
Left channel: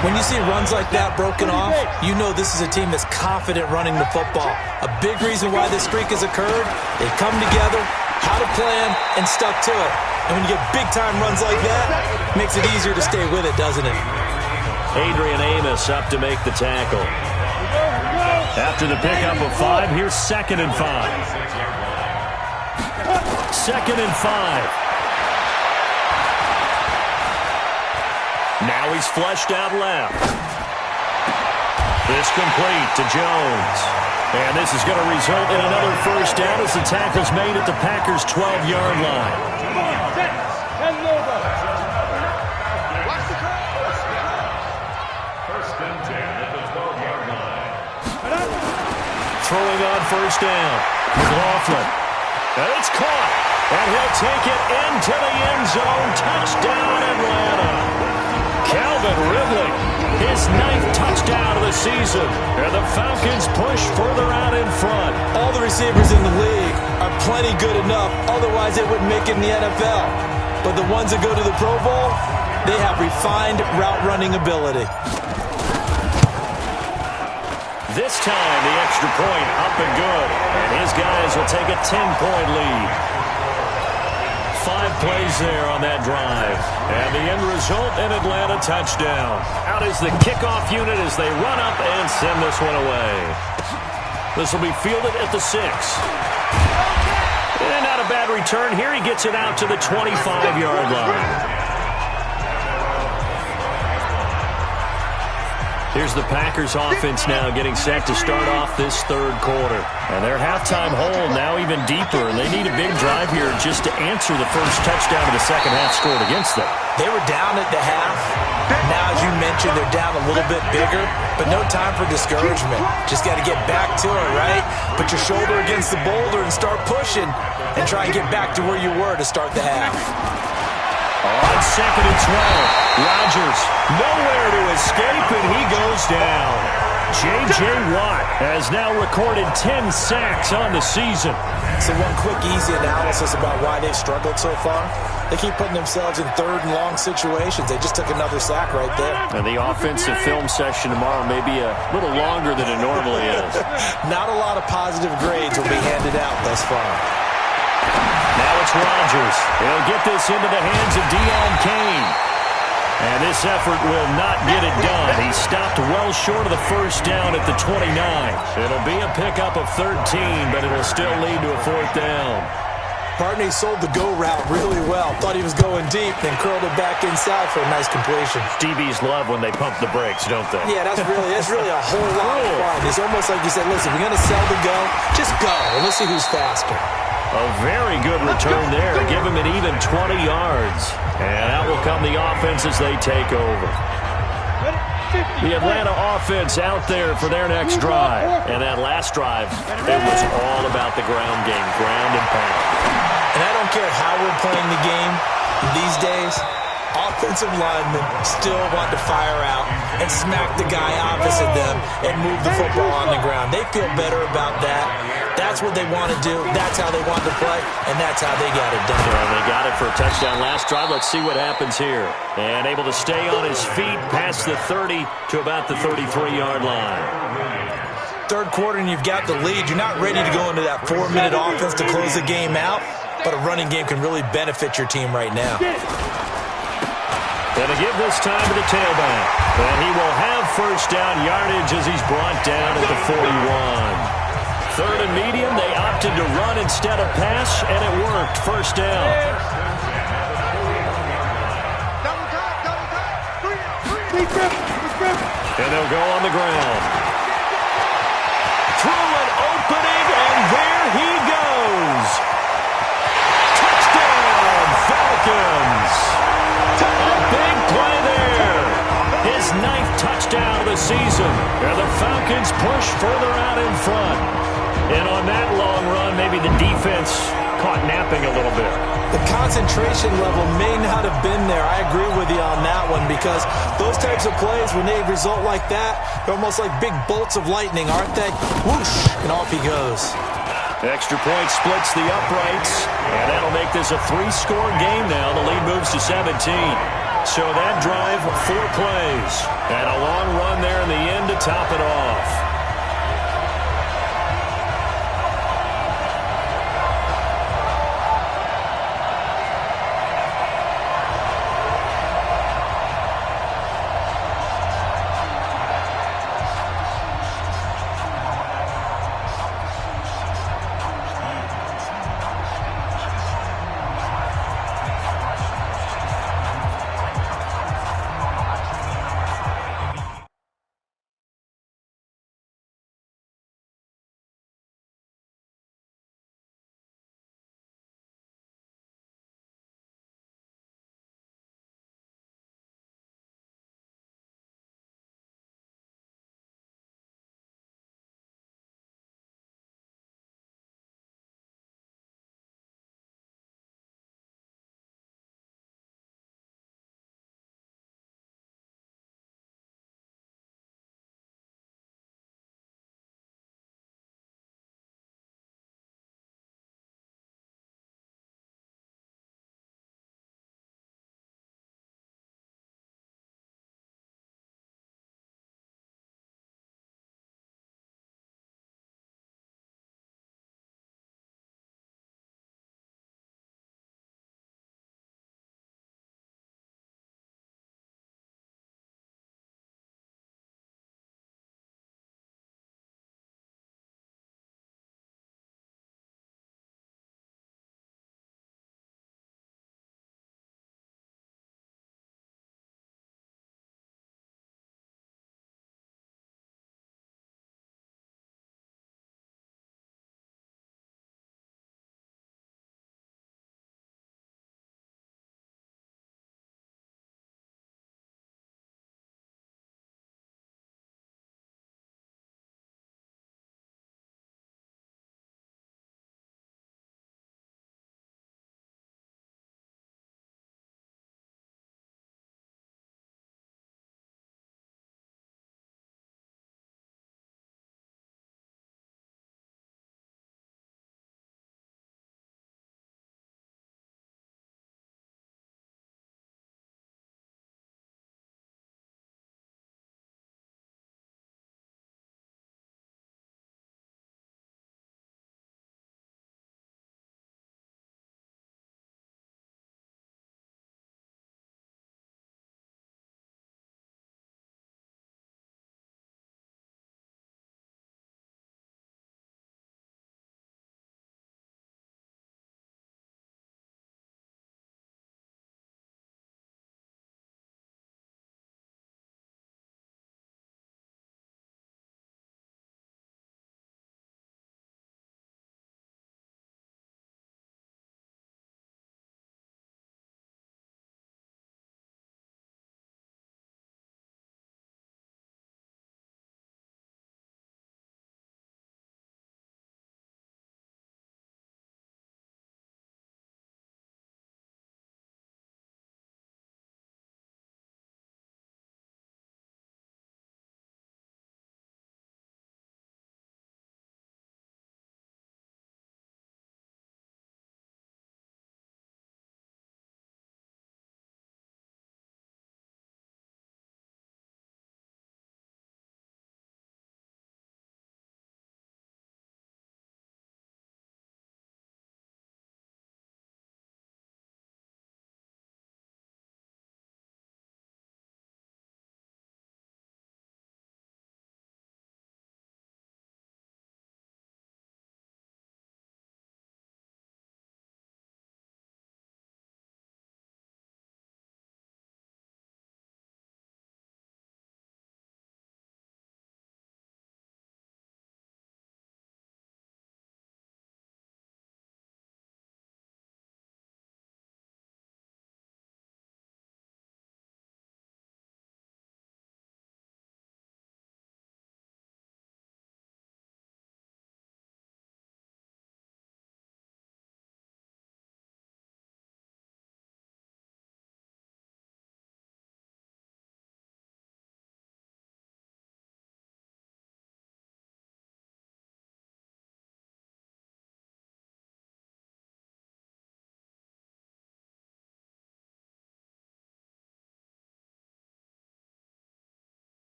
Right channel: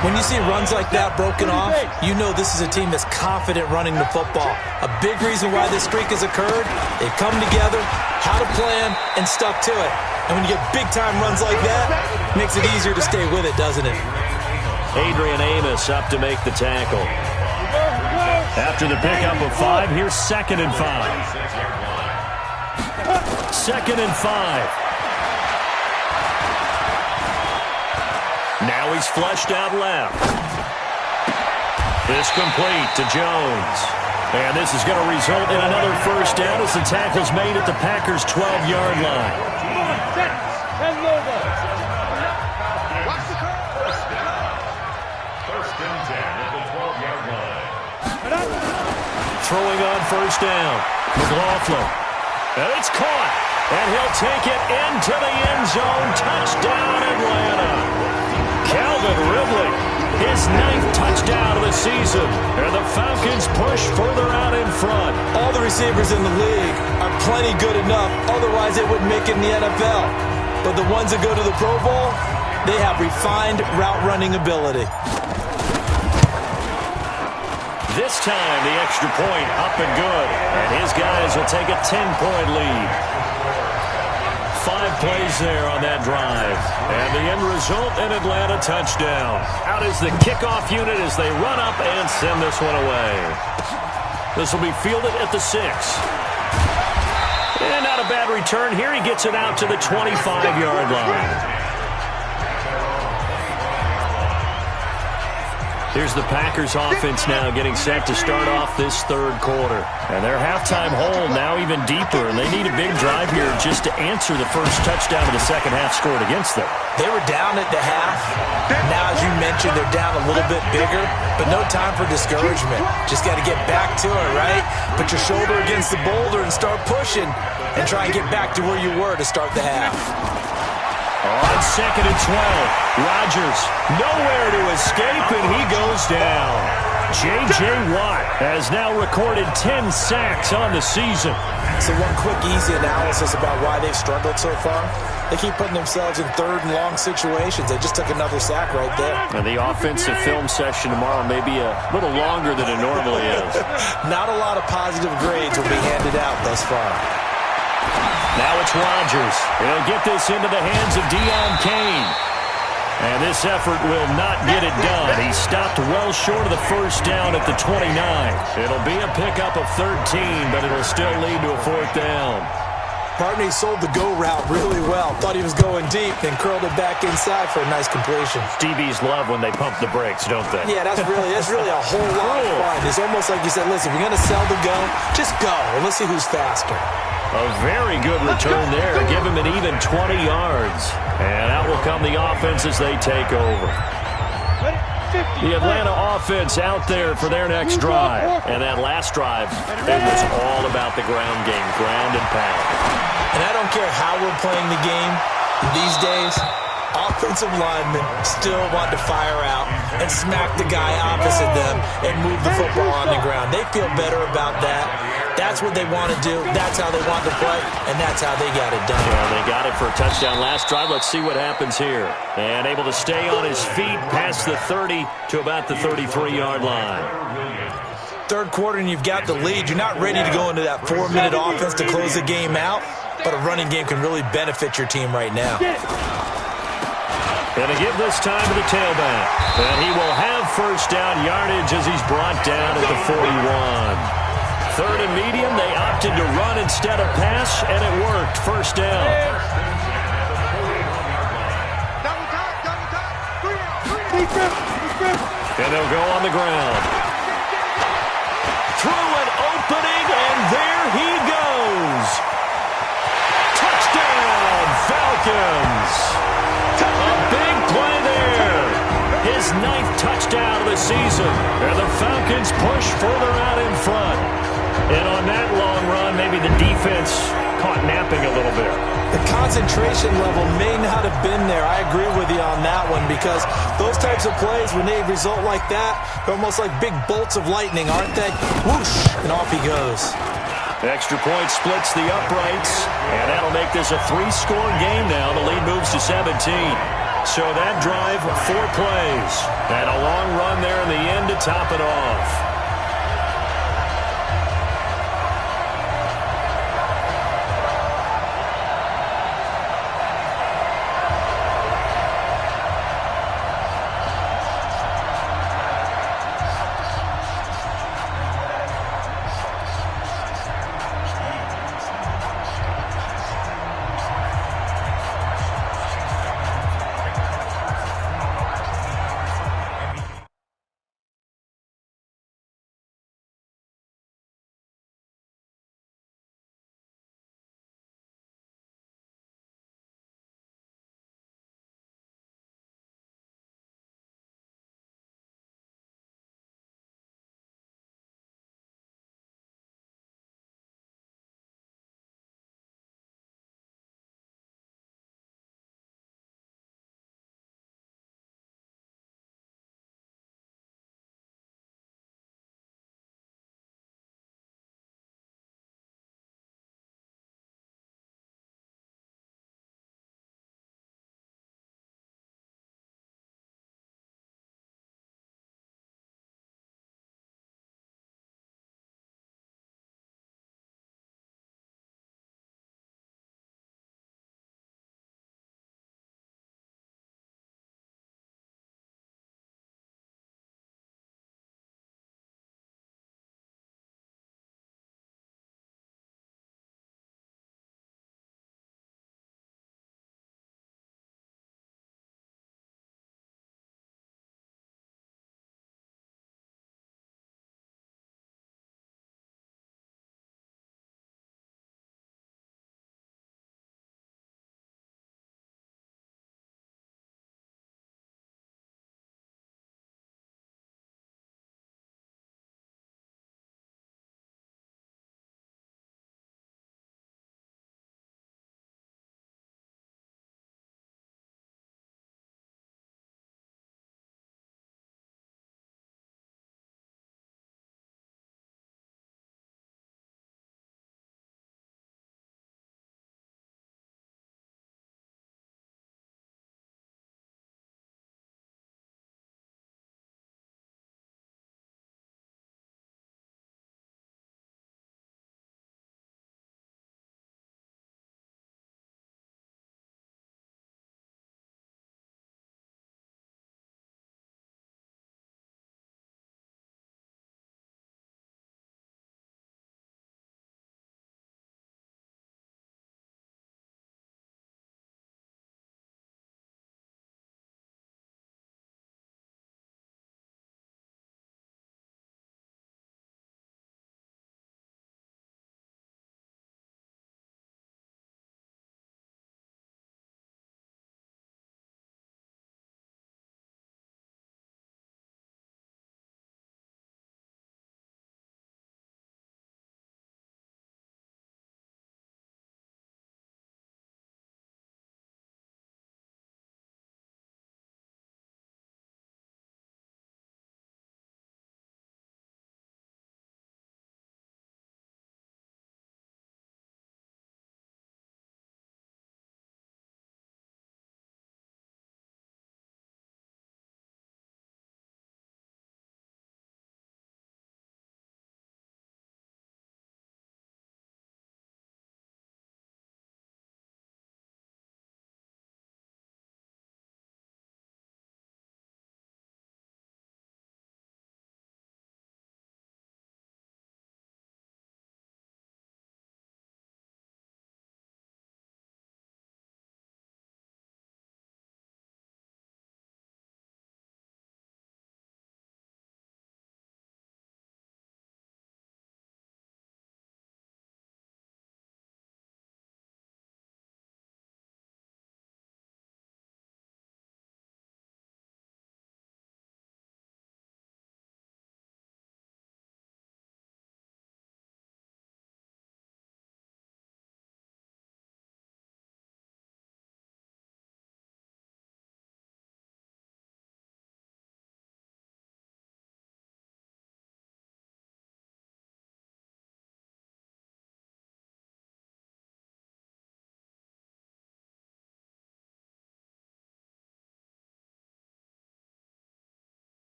When you see runs like that broken off, you know this is a team that's confident running the football. A big reason why this streak has occurred, they've come together, had a plan, and stuck to it. And when you get big-time runs like that, it makes it easier to stay with it, doesn't it? Adrian Amos up to make the tackle. After the pickup of 5, here's 2nd and 5. 2nd and 5. Now he's flushed out left. This complete to Jones. And this is going to result in another first down as the tackle's made at the Packers' 12-yard line. Come on, set. And over. Watch the curve. First and 10 at the 12-yard line. Throwing on first down. McLaughlin. And it's caught. And he'll take it into the end zone. Touchdown, Atlanta. Calvin Ridley his 9th touchdown of the season. And the Falcons push further out in front. All the receivers in the league are plenty good enough. Otherwise, they wouldn't make it in the NFL. But the ones that go to the Pro Bowl, they have refined route running ability. This time, the extra point up and good. And his guys will take a 10-point lead. 5 plays there on that drive. And the end result, an Atlanta touchdown. Out is the kickoff unit as they run up and send this one away. This will be fielded at the 6. And not a bad return here. He gets it out to the 25-yard line. Here's the Packers offense now getting set to start off this third quarter. And their halftime hole now even deeper, and they need a big drive here just to answer the first touchdown of the second half scored against them. They were down at the half. Now, as you mentioned, they're down a little bit bigger, but no time for discouragement. Just got to get back to it, right? Put your shoulder against the boulder and start pushing and try and get back to where you were to start the half. On 2nd and 12, Rodgers nowhere to escape, and he goes down. J.J. Watt has now recorded 10 sacks on the season. So one quick, easy analysis about why they've struggled so far. They keep putting themselves in third and long situations. They just took another sack right there. And the offensive film session tomorrow may be a little longer than it normally is. Not a lot of positive grades will be handed out thus far. Now it's Rodgers. He'll get this into the hands of Deion Kane. And this effort will not get it done. He stopped well short of the first down at the 29. It'll be a pickup of 13, but it'll still lead to a 4th down. Partner, he sold the go route really well. Thought he was going deep, then curled it back inside for a nice completion. DBs love when they pump the brakes, don't they? Yeah, that's really a whole lot of fun. It's almost like you said, listen, if you're going to sell the go, just go, and let's see who's faster. A very good return there. Give him an even 20 yards. And out will come the offense as they take over. The Atlanta offense out there for their next drive. And that last drive, it was all about the ground game, ground and pound. And I don't care how we're playing the game these days, offensive linemen still want to fire out and smack the guy opposite them and move the football on the ground. They feel better about that. That's what they want to do. That's how they want to play, and that's how they got it done. Yeah, they got it for a touchdown last drive. Let's see what happens here. And able to stay on his feet past the 30 to about the 33-yard line. Third quarter, and you've got the lead. You're not ready to go into that 4-minute offense to close the game out, but a running game can really benefit your team right now. Going to give this time to the tailback. And he will have first down yardage as he's brought down at the 41. 3rd and medium, they opted to run instead of pass, and it worked. First down. And they'll go on the ground. Through an opening, and there he goes. Touchdown, Falcons. A big play there. His 9th touchdown of the season. And the Falcons push further out in front. And on that long run, maybe the defense caught napping a little bit. The concentration level may not have been there. I agree with you on that one, because those types of plays, when they result like that, they're almost like big bolts of lightning, aren't they? Whoosh, and off he goes. Extra point splits the uprights, and that'll make this a 3-score game now. The lead moves to 17. So that drive, 4 plays, and a long run there in the end to top it off.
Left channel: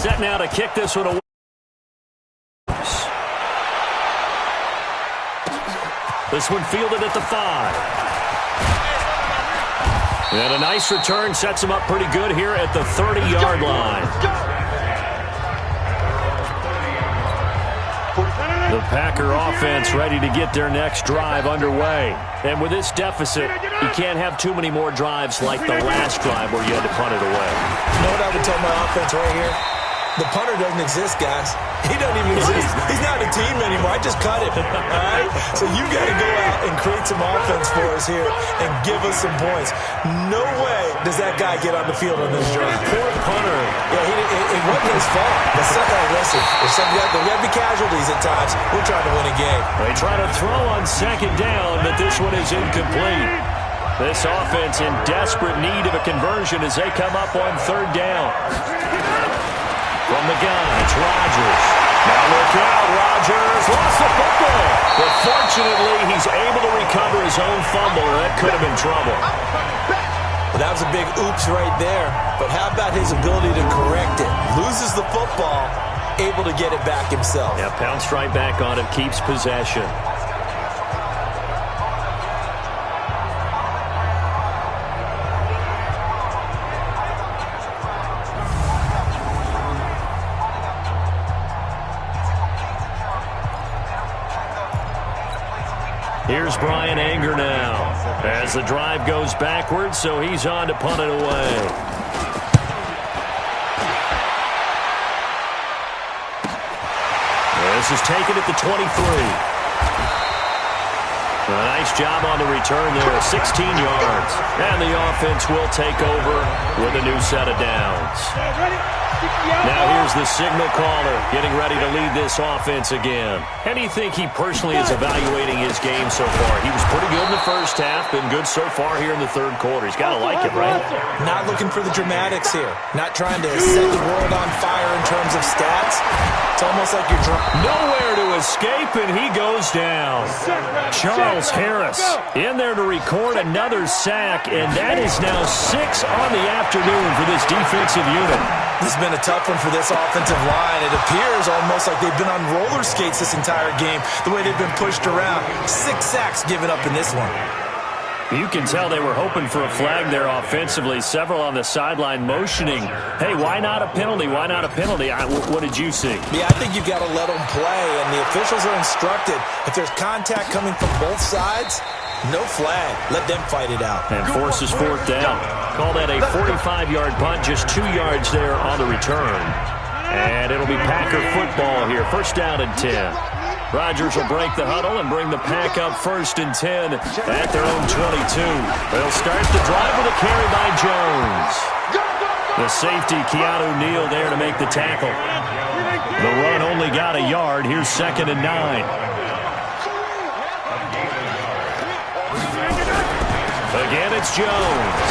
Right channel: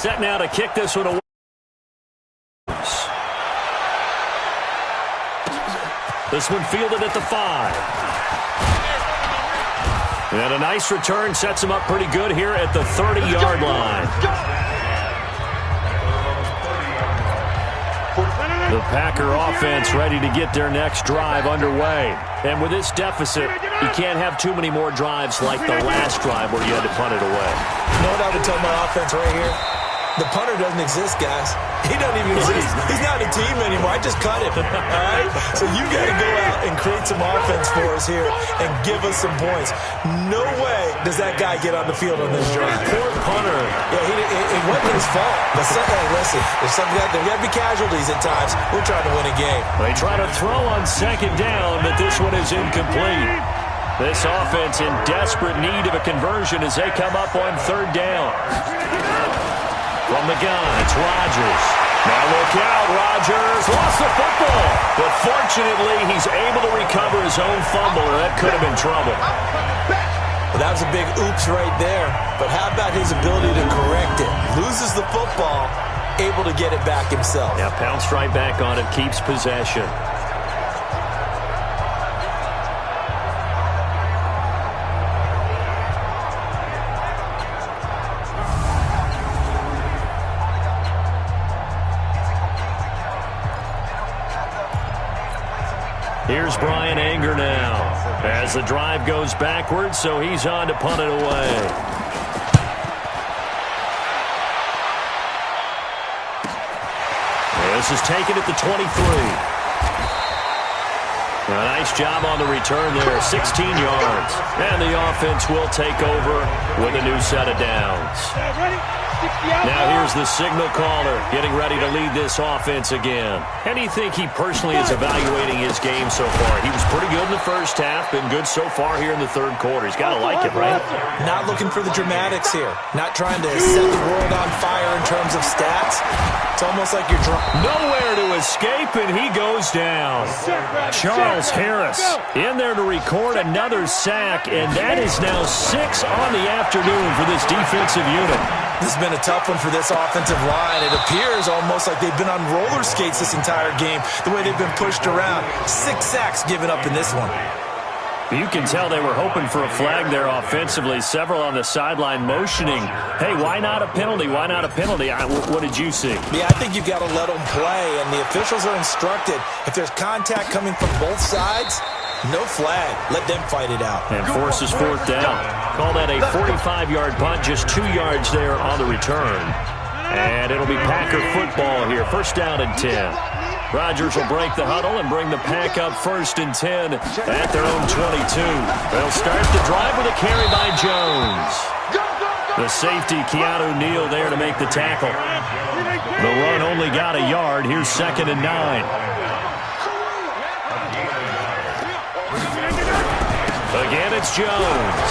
Set now to kick this one away. This one fielded at the 5. And a nice return sets him up pretty good here at the 30-yard line. The Packer offense ready to get their next drive underway. And with this deficit, you can't have too many more drives like the last drive where you had to punt it away. You know what I would tell my offense right here? The punter doesn't exist, guys. He doesn't even exist. He's not a team anymore. I just cut him, all right? So you got to go out and create some offense for us here and give us some points. No way does that guy get on the field on this drive. Poor punter. Yeah, it wasn't his fault. But hey, listen, there's got to be casualties at times. We're trying to win a game. They try to throw on second down, but this one is incomplete. This offense in desperate need of a conversion as they come up on third down. From the gun, it's Rodgers. Now look out, Rodgers lost the football. But fortunately, he's able to recover his own fumble, or that could have been trouble. Well, that was a big oops right there. But how about his ability to correct it? Loses the football, able to get it back himself. Yeah, pounced right back on it, keeps possession. Here's Brian Anger now as the drive goes backwards, so he's on to punt it away. This is taken at the 23. A nice job on the return there, 16 yards. And the offense will take over with a new set of downs. Now here's the signal caller getting ready to lead this offense again. How do you think he personally is evaluating his game so far? He was pretty good in the first half, been good so far here in the third quarter. He's got to like it, right? Not looking for the dramatics here. Not trying to set the world on fire in terms of stats. It's almost like you're nowhere to escape, and he goes down. Charles Harris in there to record another sack, and that is now 6 on the afternoon for this defensive unit. This has been a tough one for this offensive line. It appears almost like they've been on roller skates this entire game, the way they've been pushed around. 6 sacks given up in this one. You can tell they were hoping for a flag there offensively. Several on the sideline motioning, hey, why not a penalty? Why not a penalty? What did you see? Yeah, I think you've got to let them play, and the officials are instructed. If there's contact coming from both sides, no flag. Let them fight it out. And forces fourth down. Call that a 45-yard punt, just 2 yards there on the return. And it'll be Packer football here. First down and 10. Rodgers will break the huddle and bring the Pack up 1st and 10 at their own 22. They'll start the drive with a carry by Jones. The safety, Keanu Neal, there to make the tackle. The run only got a yard. Here's 2nd and 9. Again, it's Jones.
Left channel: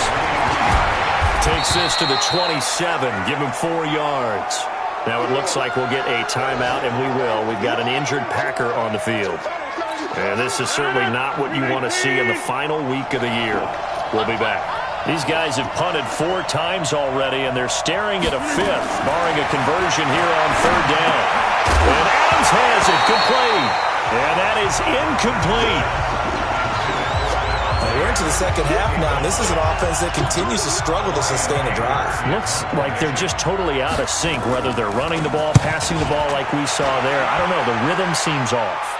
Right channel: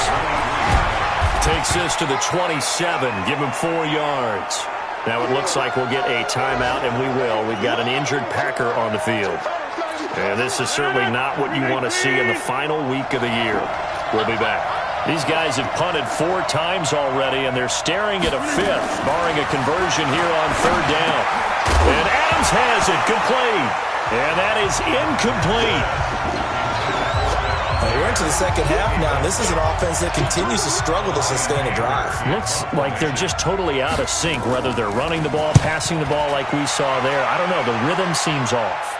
Takes this to the 27. Give him 4 yards. Now it looks like we'll get a timeout, and we will. We've got an injured Packer on the field. And this is certainly not what you want to see in the final week of the year. We'll be back. These guys have punted 4 times already, and they're staring at a 5th, barring a conversion here on 3rd down. And Adams has it complete. And that is incomplete. We're into the second half now, and this is an offense that continues to struggle to sustain a drive. Looks like they're just totally out of sync, whether they're running the ball, passing the ball like we saw there. I don't know. The rhythm seems off.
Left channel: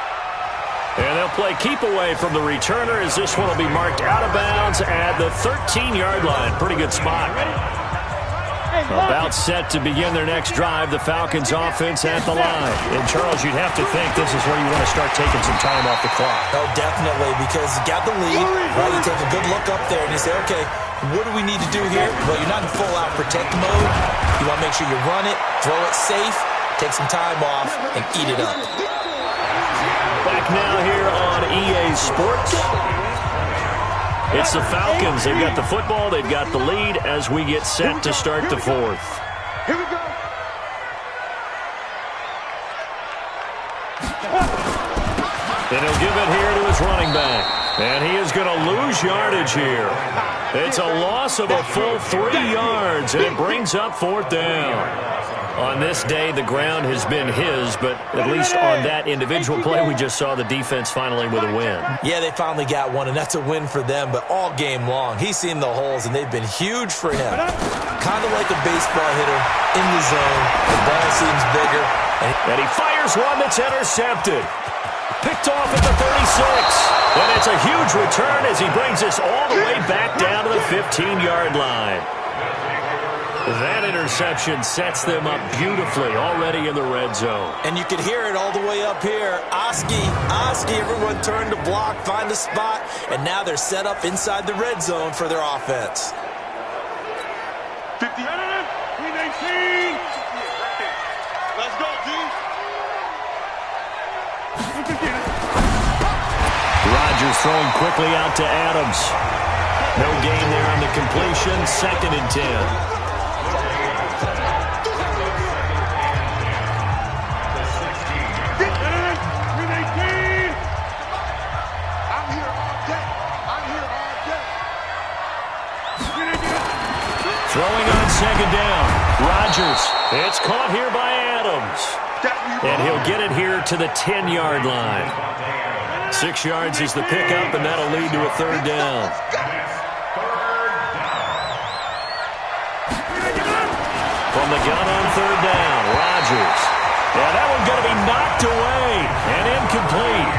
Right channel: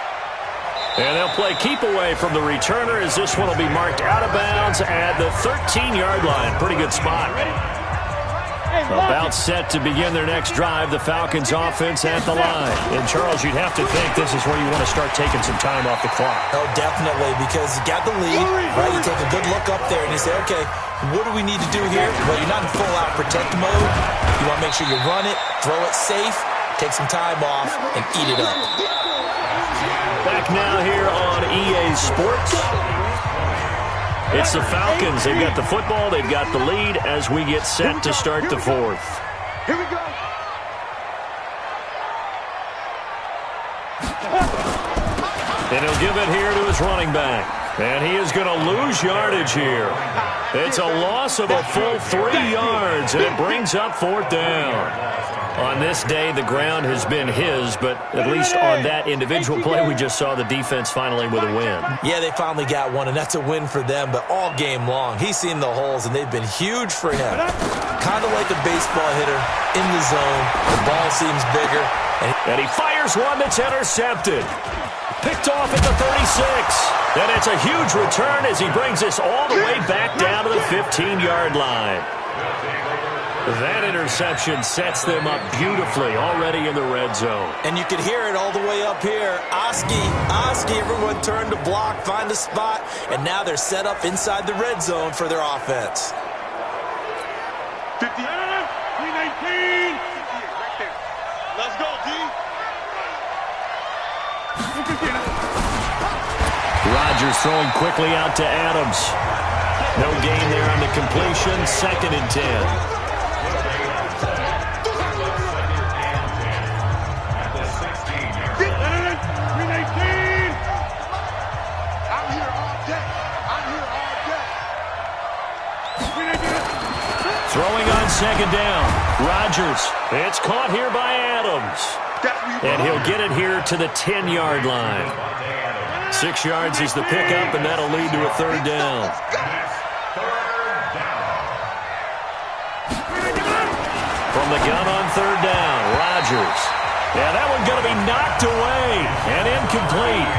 And they'll play keep away from the returner as this one will be marked out of bounds at the 13-yard line. Pretty good spot. About set to begin their next drive, the Falcons offense at the line. And, Charles, you'd have to think this is where you want to start taking some time off the clock. Oh, definitely, because you got the lead, right? You take a good look up there and you say, okay, what do we need to do here? Well, you're not in full-out protect mode. You want to make sure you run it, throw it safe, take some time off, and eat it up. Back now here on EA Sports. It's the Falcons. They've got the football. They've got the lead as we get set to start the 4th. Here we go. And he'll give it here to his running back. And he is going to lose yardage here. It's a loss of a full 3 yards. yards, and it brings up 4th down. On this day, the ground has been his, but at least on that individual play, we just saw the defense finally with a win. Yeah, they finally got one, and that's a win for them, but all game long, he's seen the holes, and they've been huge for him. Kind of like a baseball hitter in the zone. The ball seems bigger. And he fires one that's intercepted. Picked off at the 36. And it's a huge return as he brings us all the way back down to the 15-yard line. That interception sets them up beautifully already in the red zone. And you can hear it all the way up here. Oski, everyone turned to block, find a spot, and now they're set up inside the red zone for their offense. 50, 319. Right there. Let's go, D. Rodgers throwing quickly out to Adams. No gain there on the completion. 2nd and 10. 319. I'm here all day. Throwing on 2nd down. Rodgers. It's caught here by Adams. And he'll get it here to the 10-yard line. 6 yards is the pickup, and that'll lead to a 3rd down. From the gun on 3rd down, Rodgers. Yeah, that one's going to be knocked away and incomplete.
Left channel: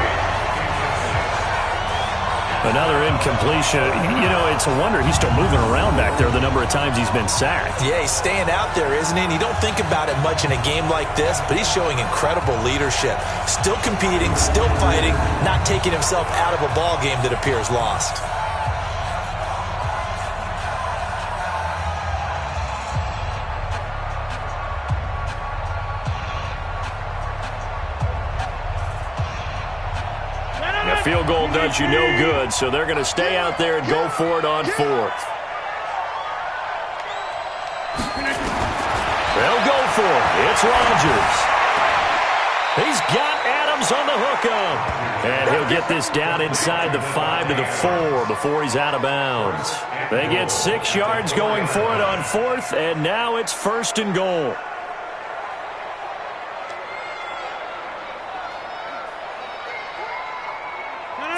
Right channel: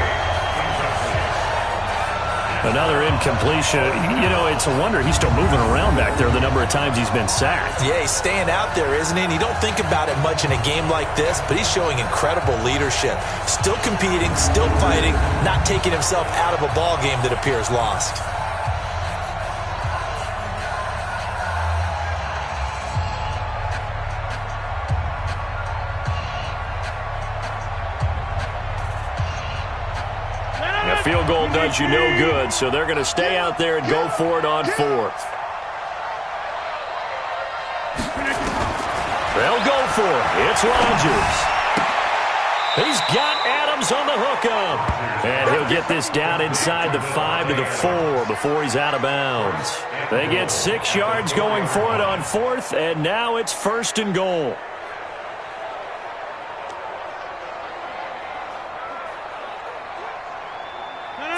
Another incompletion. You know, it's a wonder he's still moving around back there the number of times he's been sacked. Yeah, he's staying out there, isn't he? And you don't think about it much in a game like this, but he's showing incredible leadership. Still competing, still fighting, not taking himself out of a ball game that appears lost. A field goal does you no good, so they're going to stay out there and go for it on 4th. They'll go for it. It's Rodgers. He's got Adams on the hookup. And he'll get this down inside the 5 to the 4 before he's out of bounds. They get 6 yards going for it on 4th, and now it's 1st and goal.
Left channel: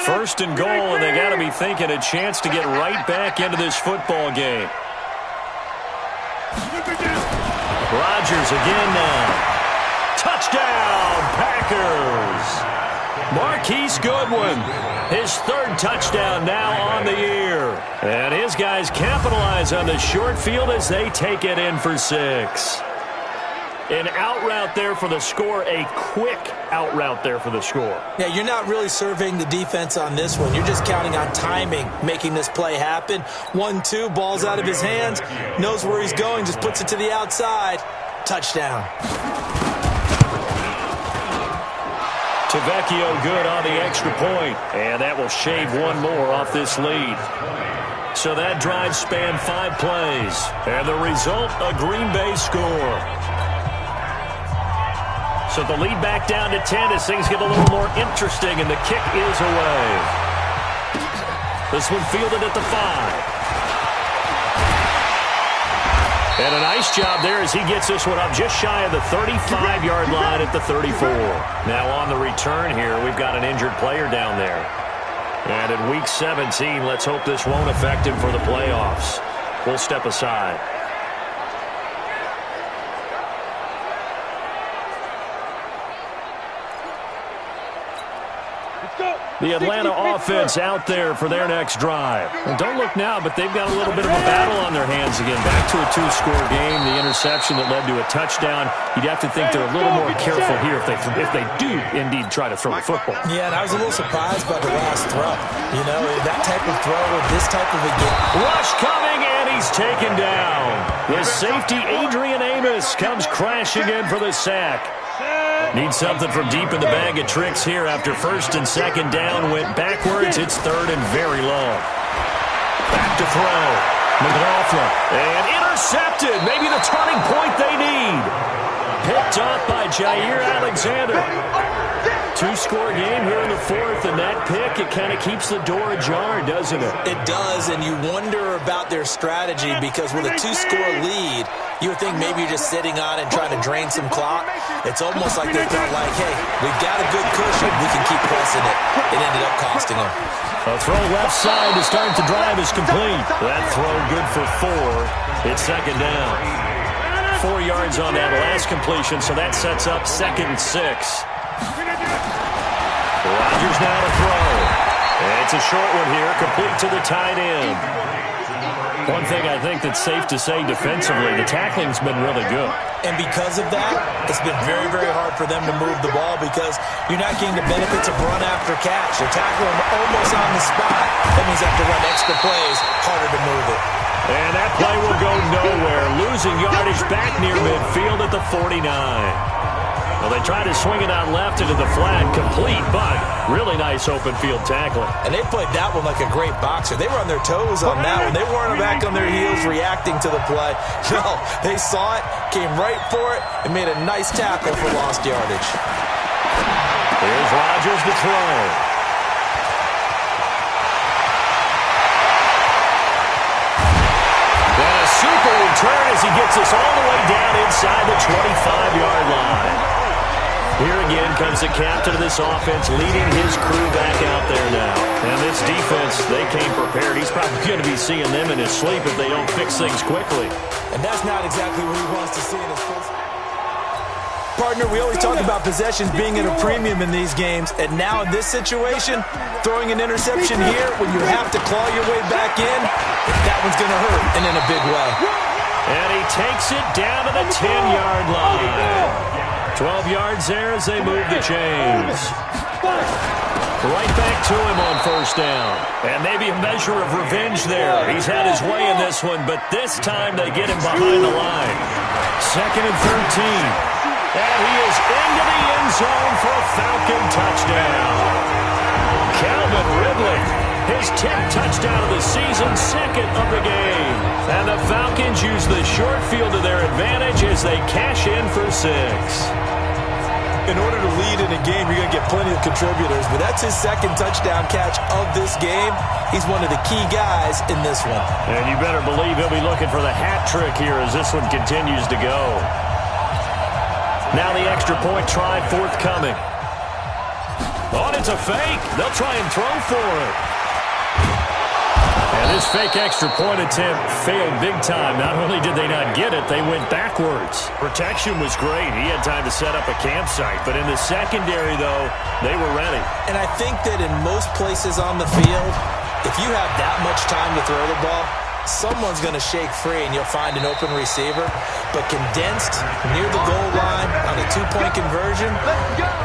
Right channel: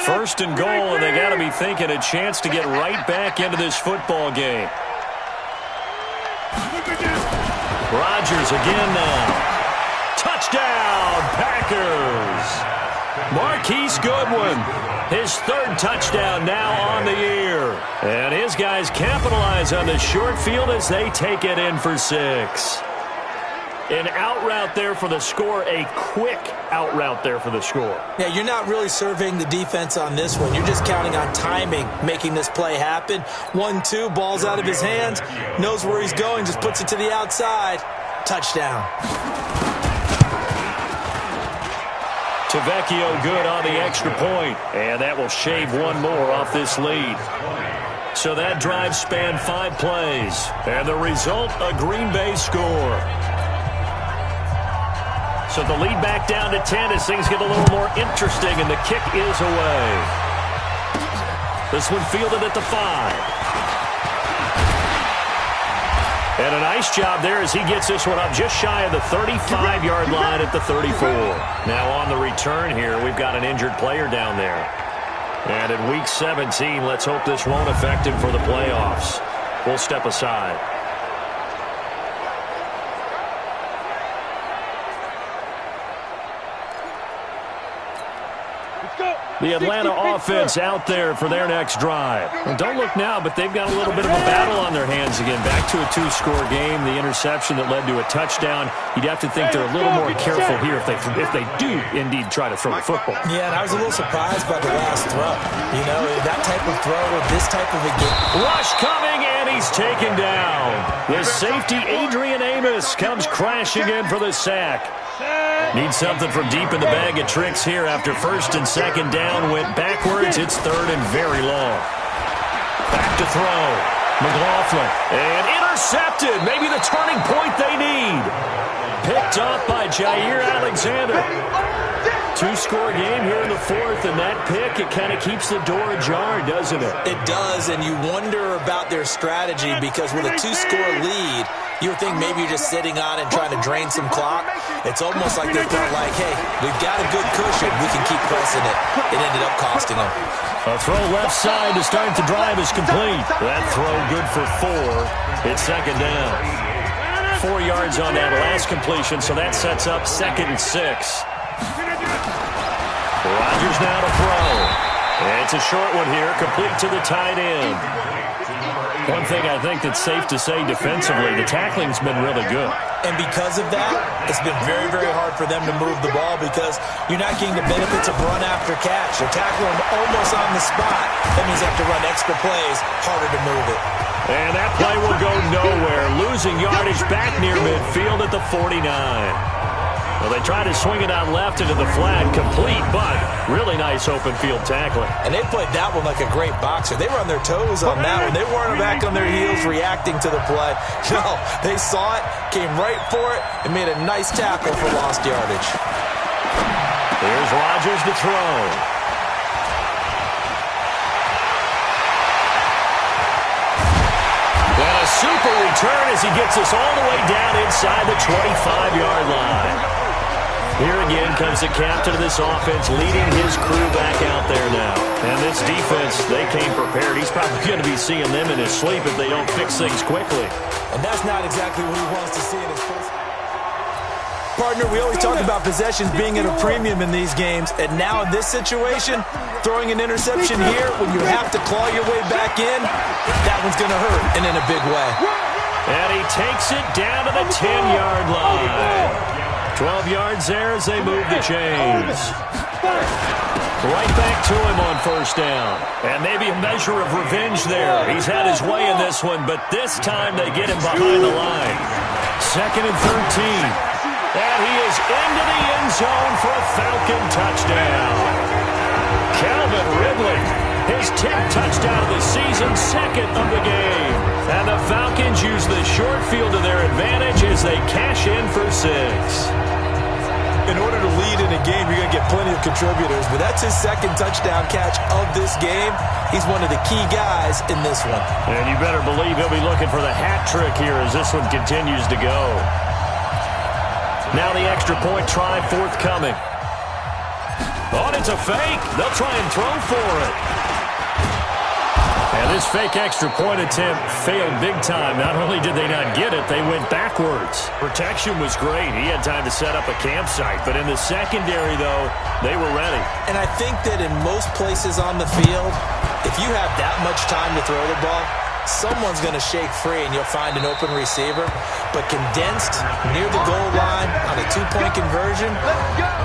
First and goal, and they got to be thinking a chance to get right back into this football game. Rodgers again now. Touchdown, Packers. Marquise Goodwin, his 3rd touchdown now on the year. And his guys capitalize on the short field as they take it in for 6. An out route there for the score, a quick out route there for the score. Yeah, you're not really surveying the defense on this one. You're just counting on timing, making this play happen. 1-2, ball's out of his hands, knows where he's going, just puts it to the outside. Touchdown. Tavecchio good on the extra point, and that will shave one more off this lead. So that drive spanned 5 plays, and the result, a Green Bay score. So the lead back down to 10 as things get a little more interesting, and the kick is away. This one fielded at the 5. And a nice job there as he gets this one up just shy of the 35-yard line at the 34. Now on the return here, we've got an injured player down there. And in Week 17, let's hope this won't affect him for the playoffs. We'll step aside. The Atlanta offense out there for their next drive. And don't look now, but they've got a little bit of a battle on their hands again. Back to a 2-score game. The interception that led to a touchdown. You'd have to think they're a little more careful here if they do indeed try to throw the football. Yeah, and I was a little surprised by the last throw. You know, that type of throw with this type of a game. Rush coming, and he's taken down. The safety, Adrian Amos, comes crashing in for the sack. Need something from deep in the bag of tricks here after 1st and 2nd down. Went backwards. It's 3rd and very long. Back to throw. McLaughlin. And intercepted. Maybe the turning point they need. Picked off by Jair Alexander. Two-score game here in the fourth, and that pick, it kind of keeps the door ajar, doesn't it? It does, and you wonder about their strategy because with a two-score lead, you would think maybe you're just sitting on it and trying to drain some clock. It's almost like they felt like, hey, we've got a good cushion. We can keep pressing it. It ended up costing them. A throw left side to start the drive is complete. That throw good for 4. It's second down. 4 yards on that last completion, so that sets up 2nd and 6. Rodgers now to throw. It's a short one here, complete to the tight end. One thing I think that's safe to say defensively, the tackling's been really good. And because of that, it's been very, very hard for them to move the ball because you're not getting the benefits of run after catch. They're tackling them almost on the spot. That means they have to run extra plays, harder to move it. And that play will go nowhere, losing yardage back near midfield at the 49. Well, they tried to swing it out left into the flat, complete, but really nice open field tackling. And they played that one like a great boxer. They were on their toes on that one. They weren't back on their heels reacting to the play. No, they saw it, came right for it, and made a nice tackle for lost yardage. Here's Rodgers to throw. And a super return as he gets us all the way down inside the 25-yard line. Here again comes the captain of this offense leading his crew back out there now. And this defense, they came prepared. He's probably going to be seeing them in his sleep if they don't fix things quickly. And that's not exactly what he wants to see in his first. Partner, we always talk about possessions being at a premium in these games. And now in this situation, throwing an interception here when you have to claw your way back in, that one's going to hurt, and in a big way. And he takes it down to the 10-yard line. 12 yards there as they move the chains. Right back to him on first down. And maybe a measure of revenge there. He's had his way in this one, but this time they get him behind the line. 2nd and 13. And he is into the end zone for a Falcon touchdown. Calvin Ridley, his 10th touchdown of the season, 2nd of the game. And the Falcons use the short field to their advantage as they cash in for 6. In order to lead in a game, you're going to get plenty of contributors, but that's his 2nd touchdown catch of this game. He's one of the key guys in this one. And you better believe he'll be looking for the hat trick here as this one continues to go. Now the extra point try forthcoming. Oh, and it's a fake. They'll try and throw for it. And this fake extra point attempt failed big time. Not only did they not get it, they went backwards. Protection was great. He had time to set up a campsite. But in the secondary, though, they were ready. And I think that in most places on the field, if you have that much time to throw the ball, someone's going to shake free and you'll find an open receiver. But condensed near the goal line on a 2-point conversion,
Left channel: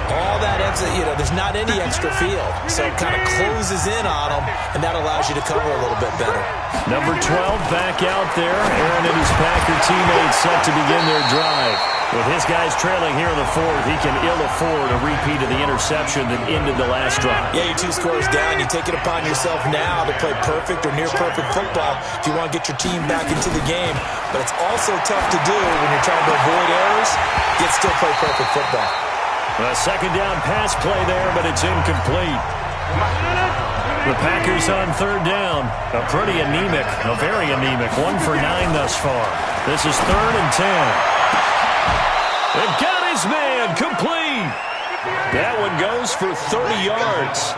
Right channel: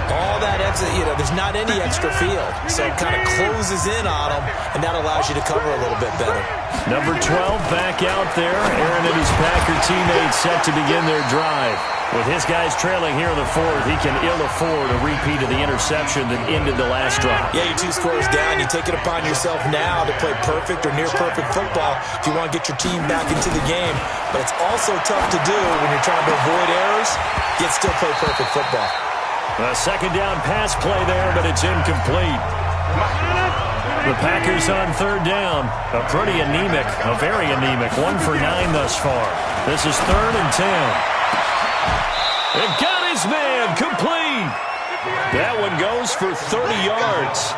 all that extra, there's not any extra field. So it kind of closes in on them, and that allows you to cover a little bit better. Number 12 back out there. Aaron and his Packer teammates set to begin their drive. With his guys trailing here in the fourth, he can ill afford a repeat of the interception that ended the last drive. Yeah, you're 2 scores down. You take it upon yourself now to play perfect or near-perfect football if you want to get your team back into the game. But it's also tough to do when you're trying to avoid errors, yet still play perfect football. A 2nd down pass play there, but it's incomplete. The Packers on 3rd down. A pretty anemic, a very anemic 1 for 9 thus far. This is 3rd and 10. And got his man, complete. That one goes for 30 yards.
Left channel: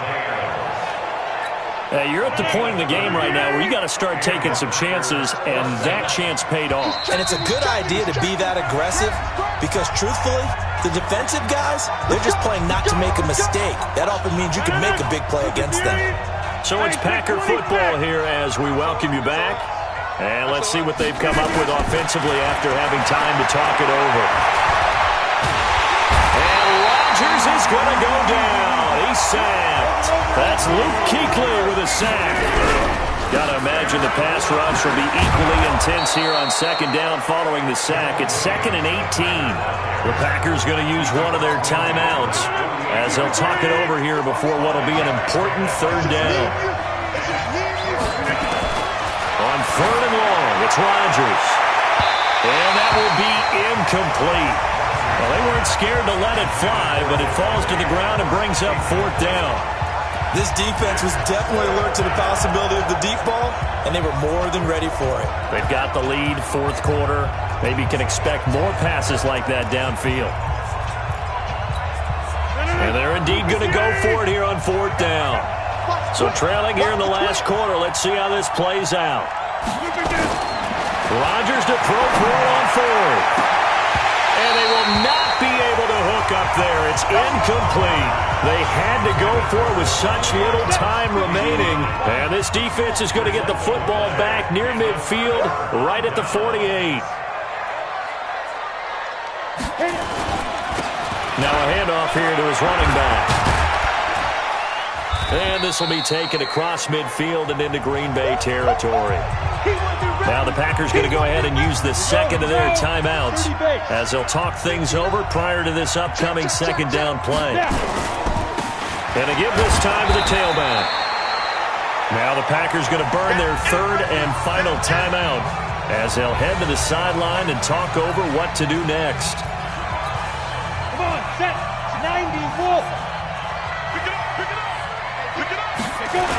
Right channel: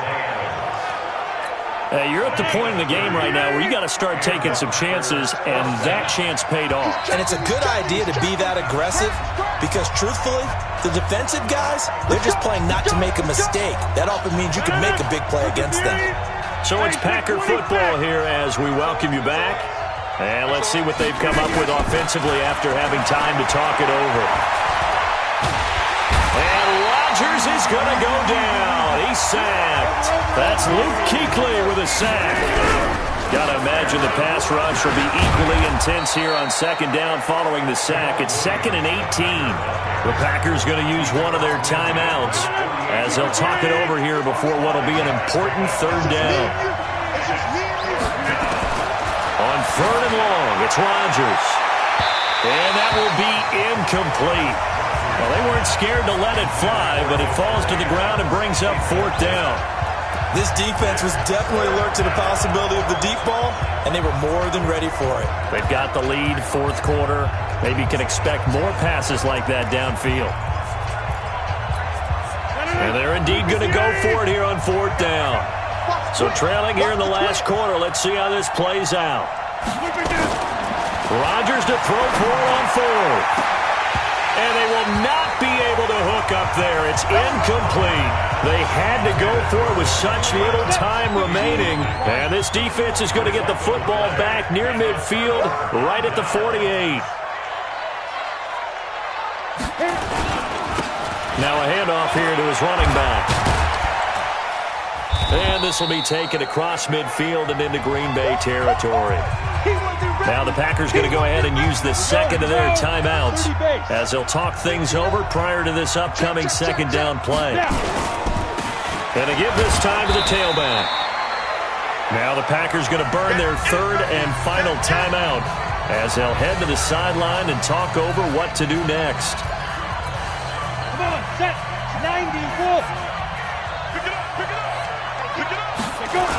You're at the point in the game right now where you got to start taking some chances, and that chance paid off. And it's a good idea to be that aggressive because, truthfully, the defensive guys, they're just playing not to make a mistake. That often means you can make a big play against them. So it's Packer football here as we welcome you back. And let's see what they've come up with offensively after having time to talk it over. And Rodgers is going to go down. He's sacked. That's Luke Kuechly with a sack. Got to imagine the pass rush will be equally intense here on 2nd down following the sack. It's 2nd and 18. The Packers going to use one of their timeouts as they'll talk it over here before what will be an important 3rd down. On 3rd and long, it's Rodgers. And that will be incomplete. Well, they weren't scared to let it fly, but it falls to the ground and brings up 4th down. This defense was definitely alert to the possibility of the deep ball, and they were more than ready for it. They've got the lead, 4th quarter. Maybe you can expect more passes like that downfield. And they're indeed going to go for it here on 4th down. So trailing here in the last quarter, let's see how this plays out. Rodgers to throw for it on 4th. And they will not be able to hook up there. It's incomplete. They had to go for it with such little time remaining. And this defense is going to get the football back near midfield, right at the 48. Now a handoff here to his running back. And this will be taken across midfield and into Green Bay territory. Now the Packers going to go ahead and use the second of their timeouts as they'll talk things over prior to this upcoming second down play. And they give this time to the tailback. Now the Packers going to burn their 3rd and final timeout as they'll head to the sideline and talk over what to do next. Come on, set. 90, Wolf. Pick it up, pick it up. Pick it up. Pick up.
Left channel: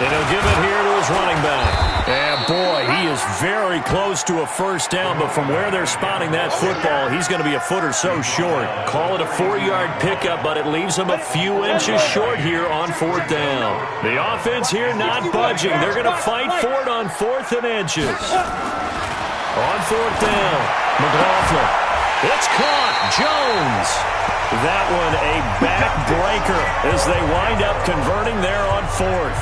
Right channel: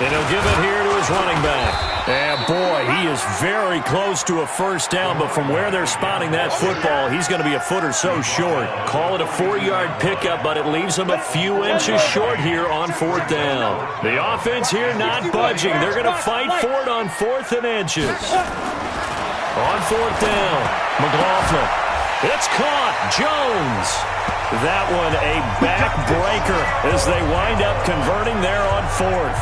And he'll give it here to his running back. And boy, he is very close to a first down, but from where they're spotting that football, he's going to be a foot or so short. Call it a 4-yard pickup, but it leaves him a few inches short here on 4th down. The offense here not budging. They're going to fight for it on 4th and inches. On 4th down, McLaughlin. It's caught. Jones. That one a backbreaker as they wind up converting there on 4th.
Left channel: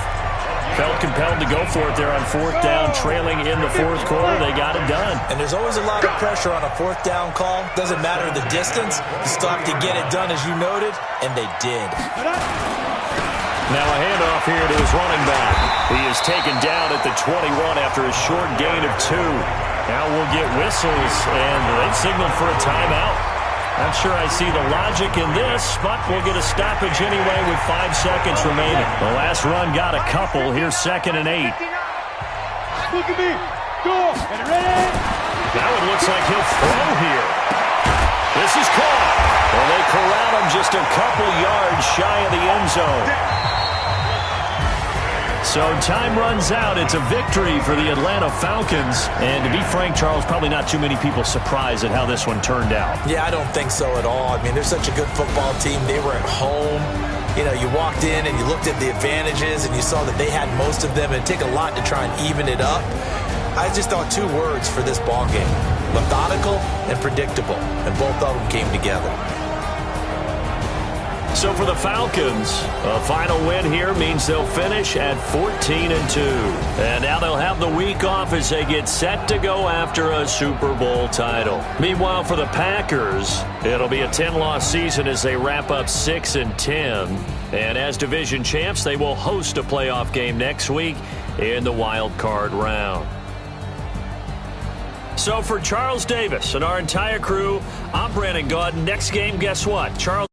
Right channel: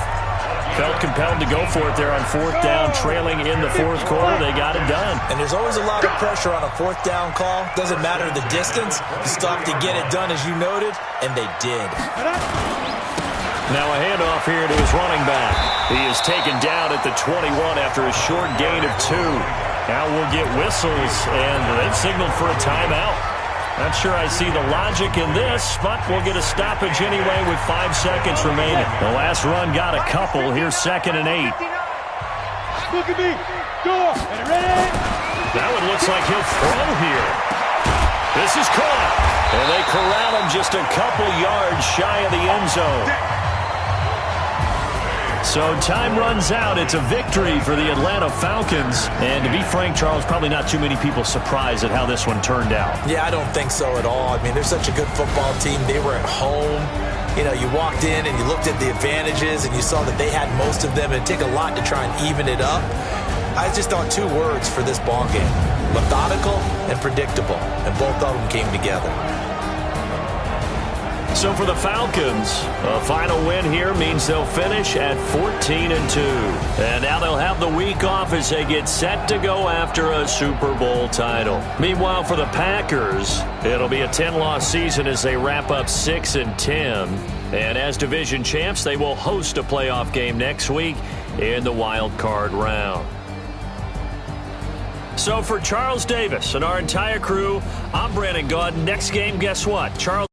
Felt compelled to go for it there on 4th down, trailing in the 4th quarter. They got it done. And there's always a lot of pressure on a 4th down call. Doesn't matter the distance. You still have to get it done, as you noted, and they did. Now a handoff here to his running back. He is taken down at the 21 after a short gain of 2. Now we'll get whistles, and they've signaled for a timeout. Not sure I see the logic in this, but we'll get a stoppage anyway with 5 seconds remaining. The last run got a couple. Here's 2nd and 8. Look at me. Go. And ready. That one looks like he'll throw here. This is caught. And they corral him just a couple yards shy of the end zone. So time runs out. It's a victory for the Atlanta Falcons. And to be frank, Charles, probably not too many people surprised at how this one turned out. Yeah, I don't think so at all. I mean, they're such a good football team. They were at home. You know, you walked in and you looked at the advantages and you saw that they had most of them. It'd take a lot to try and even it up. I just thought 2 words for this ball game: methodical and predictable. And both of them came together. So for the Falcons, a final win here means they'll finish at 14-2. And now they'll have the week off as they get set to go after a Super Bowl title. Meanwhile, for the Packers, it'll be a 10-loss season as they wrap up 6-10. And as division champs, they will host a playoff game next week in the wild card round. So for Charles Davis and our entire crew, I'm Brandon Gaudin. Next game, guess what? Charles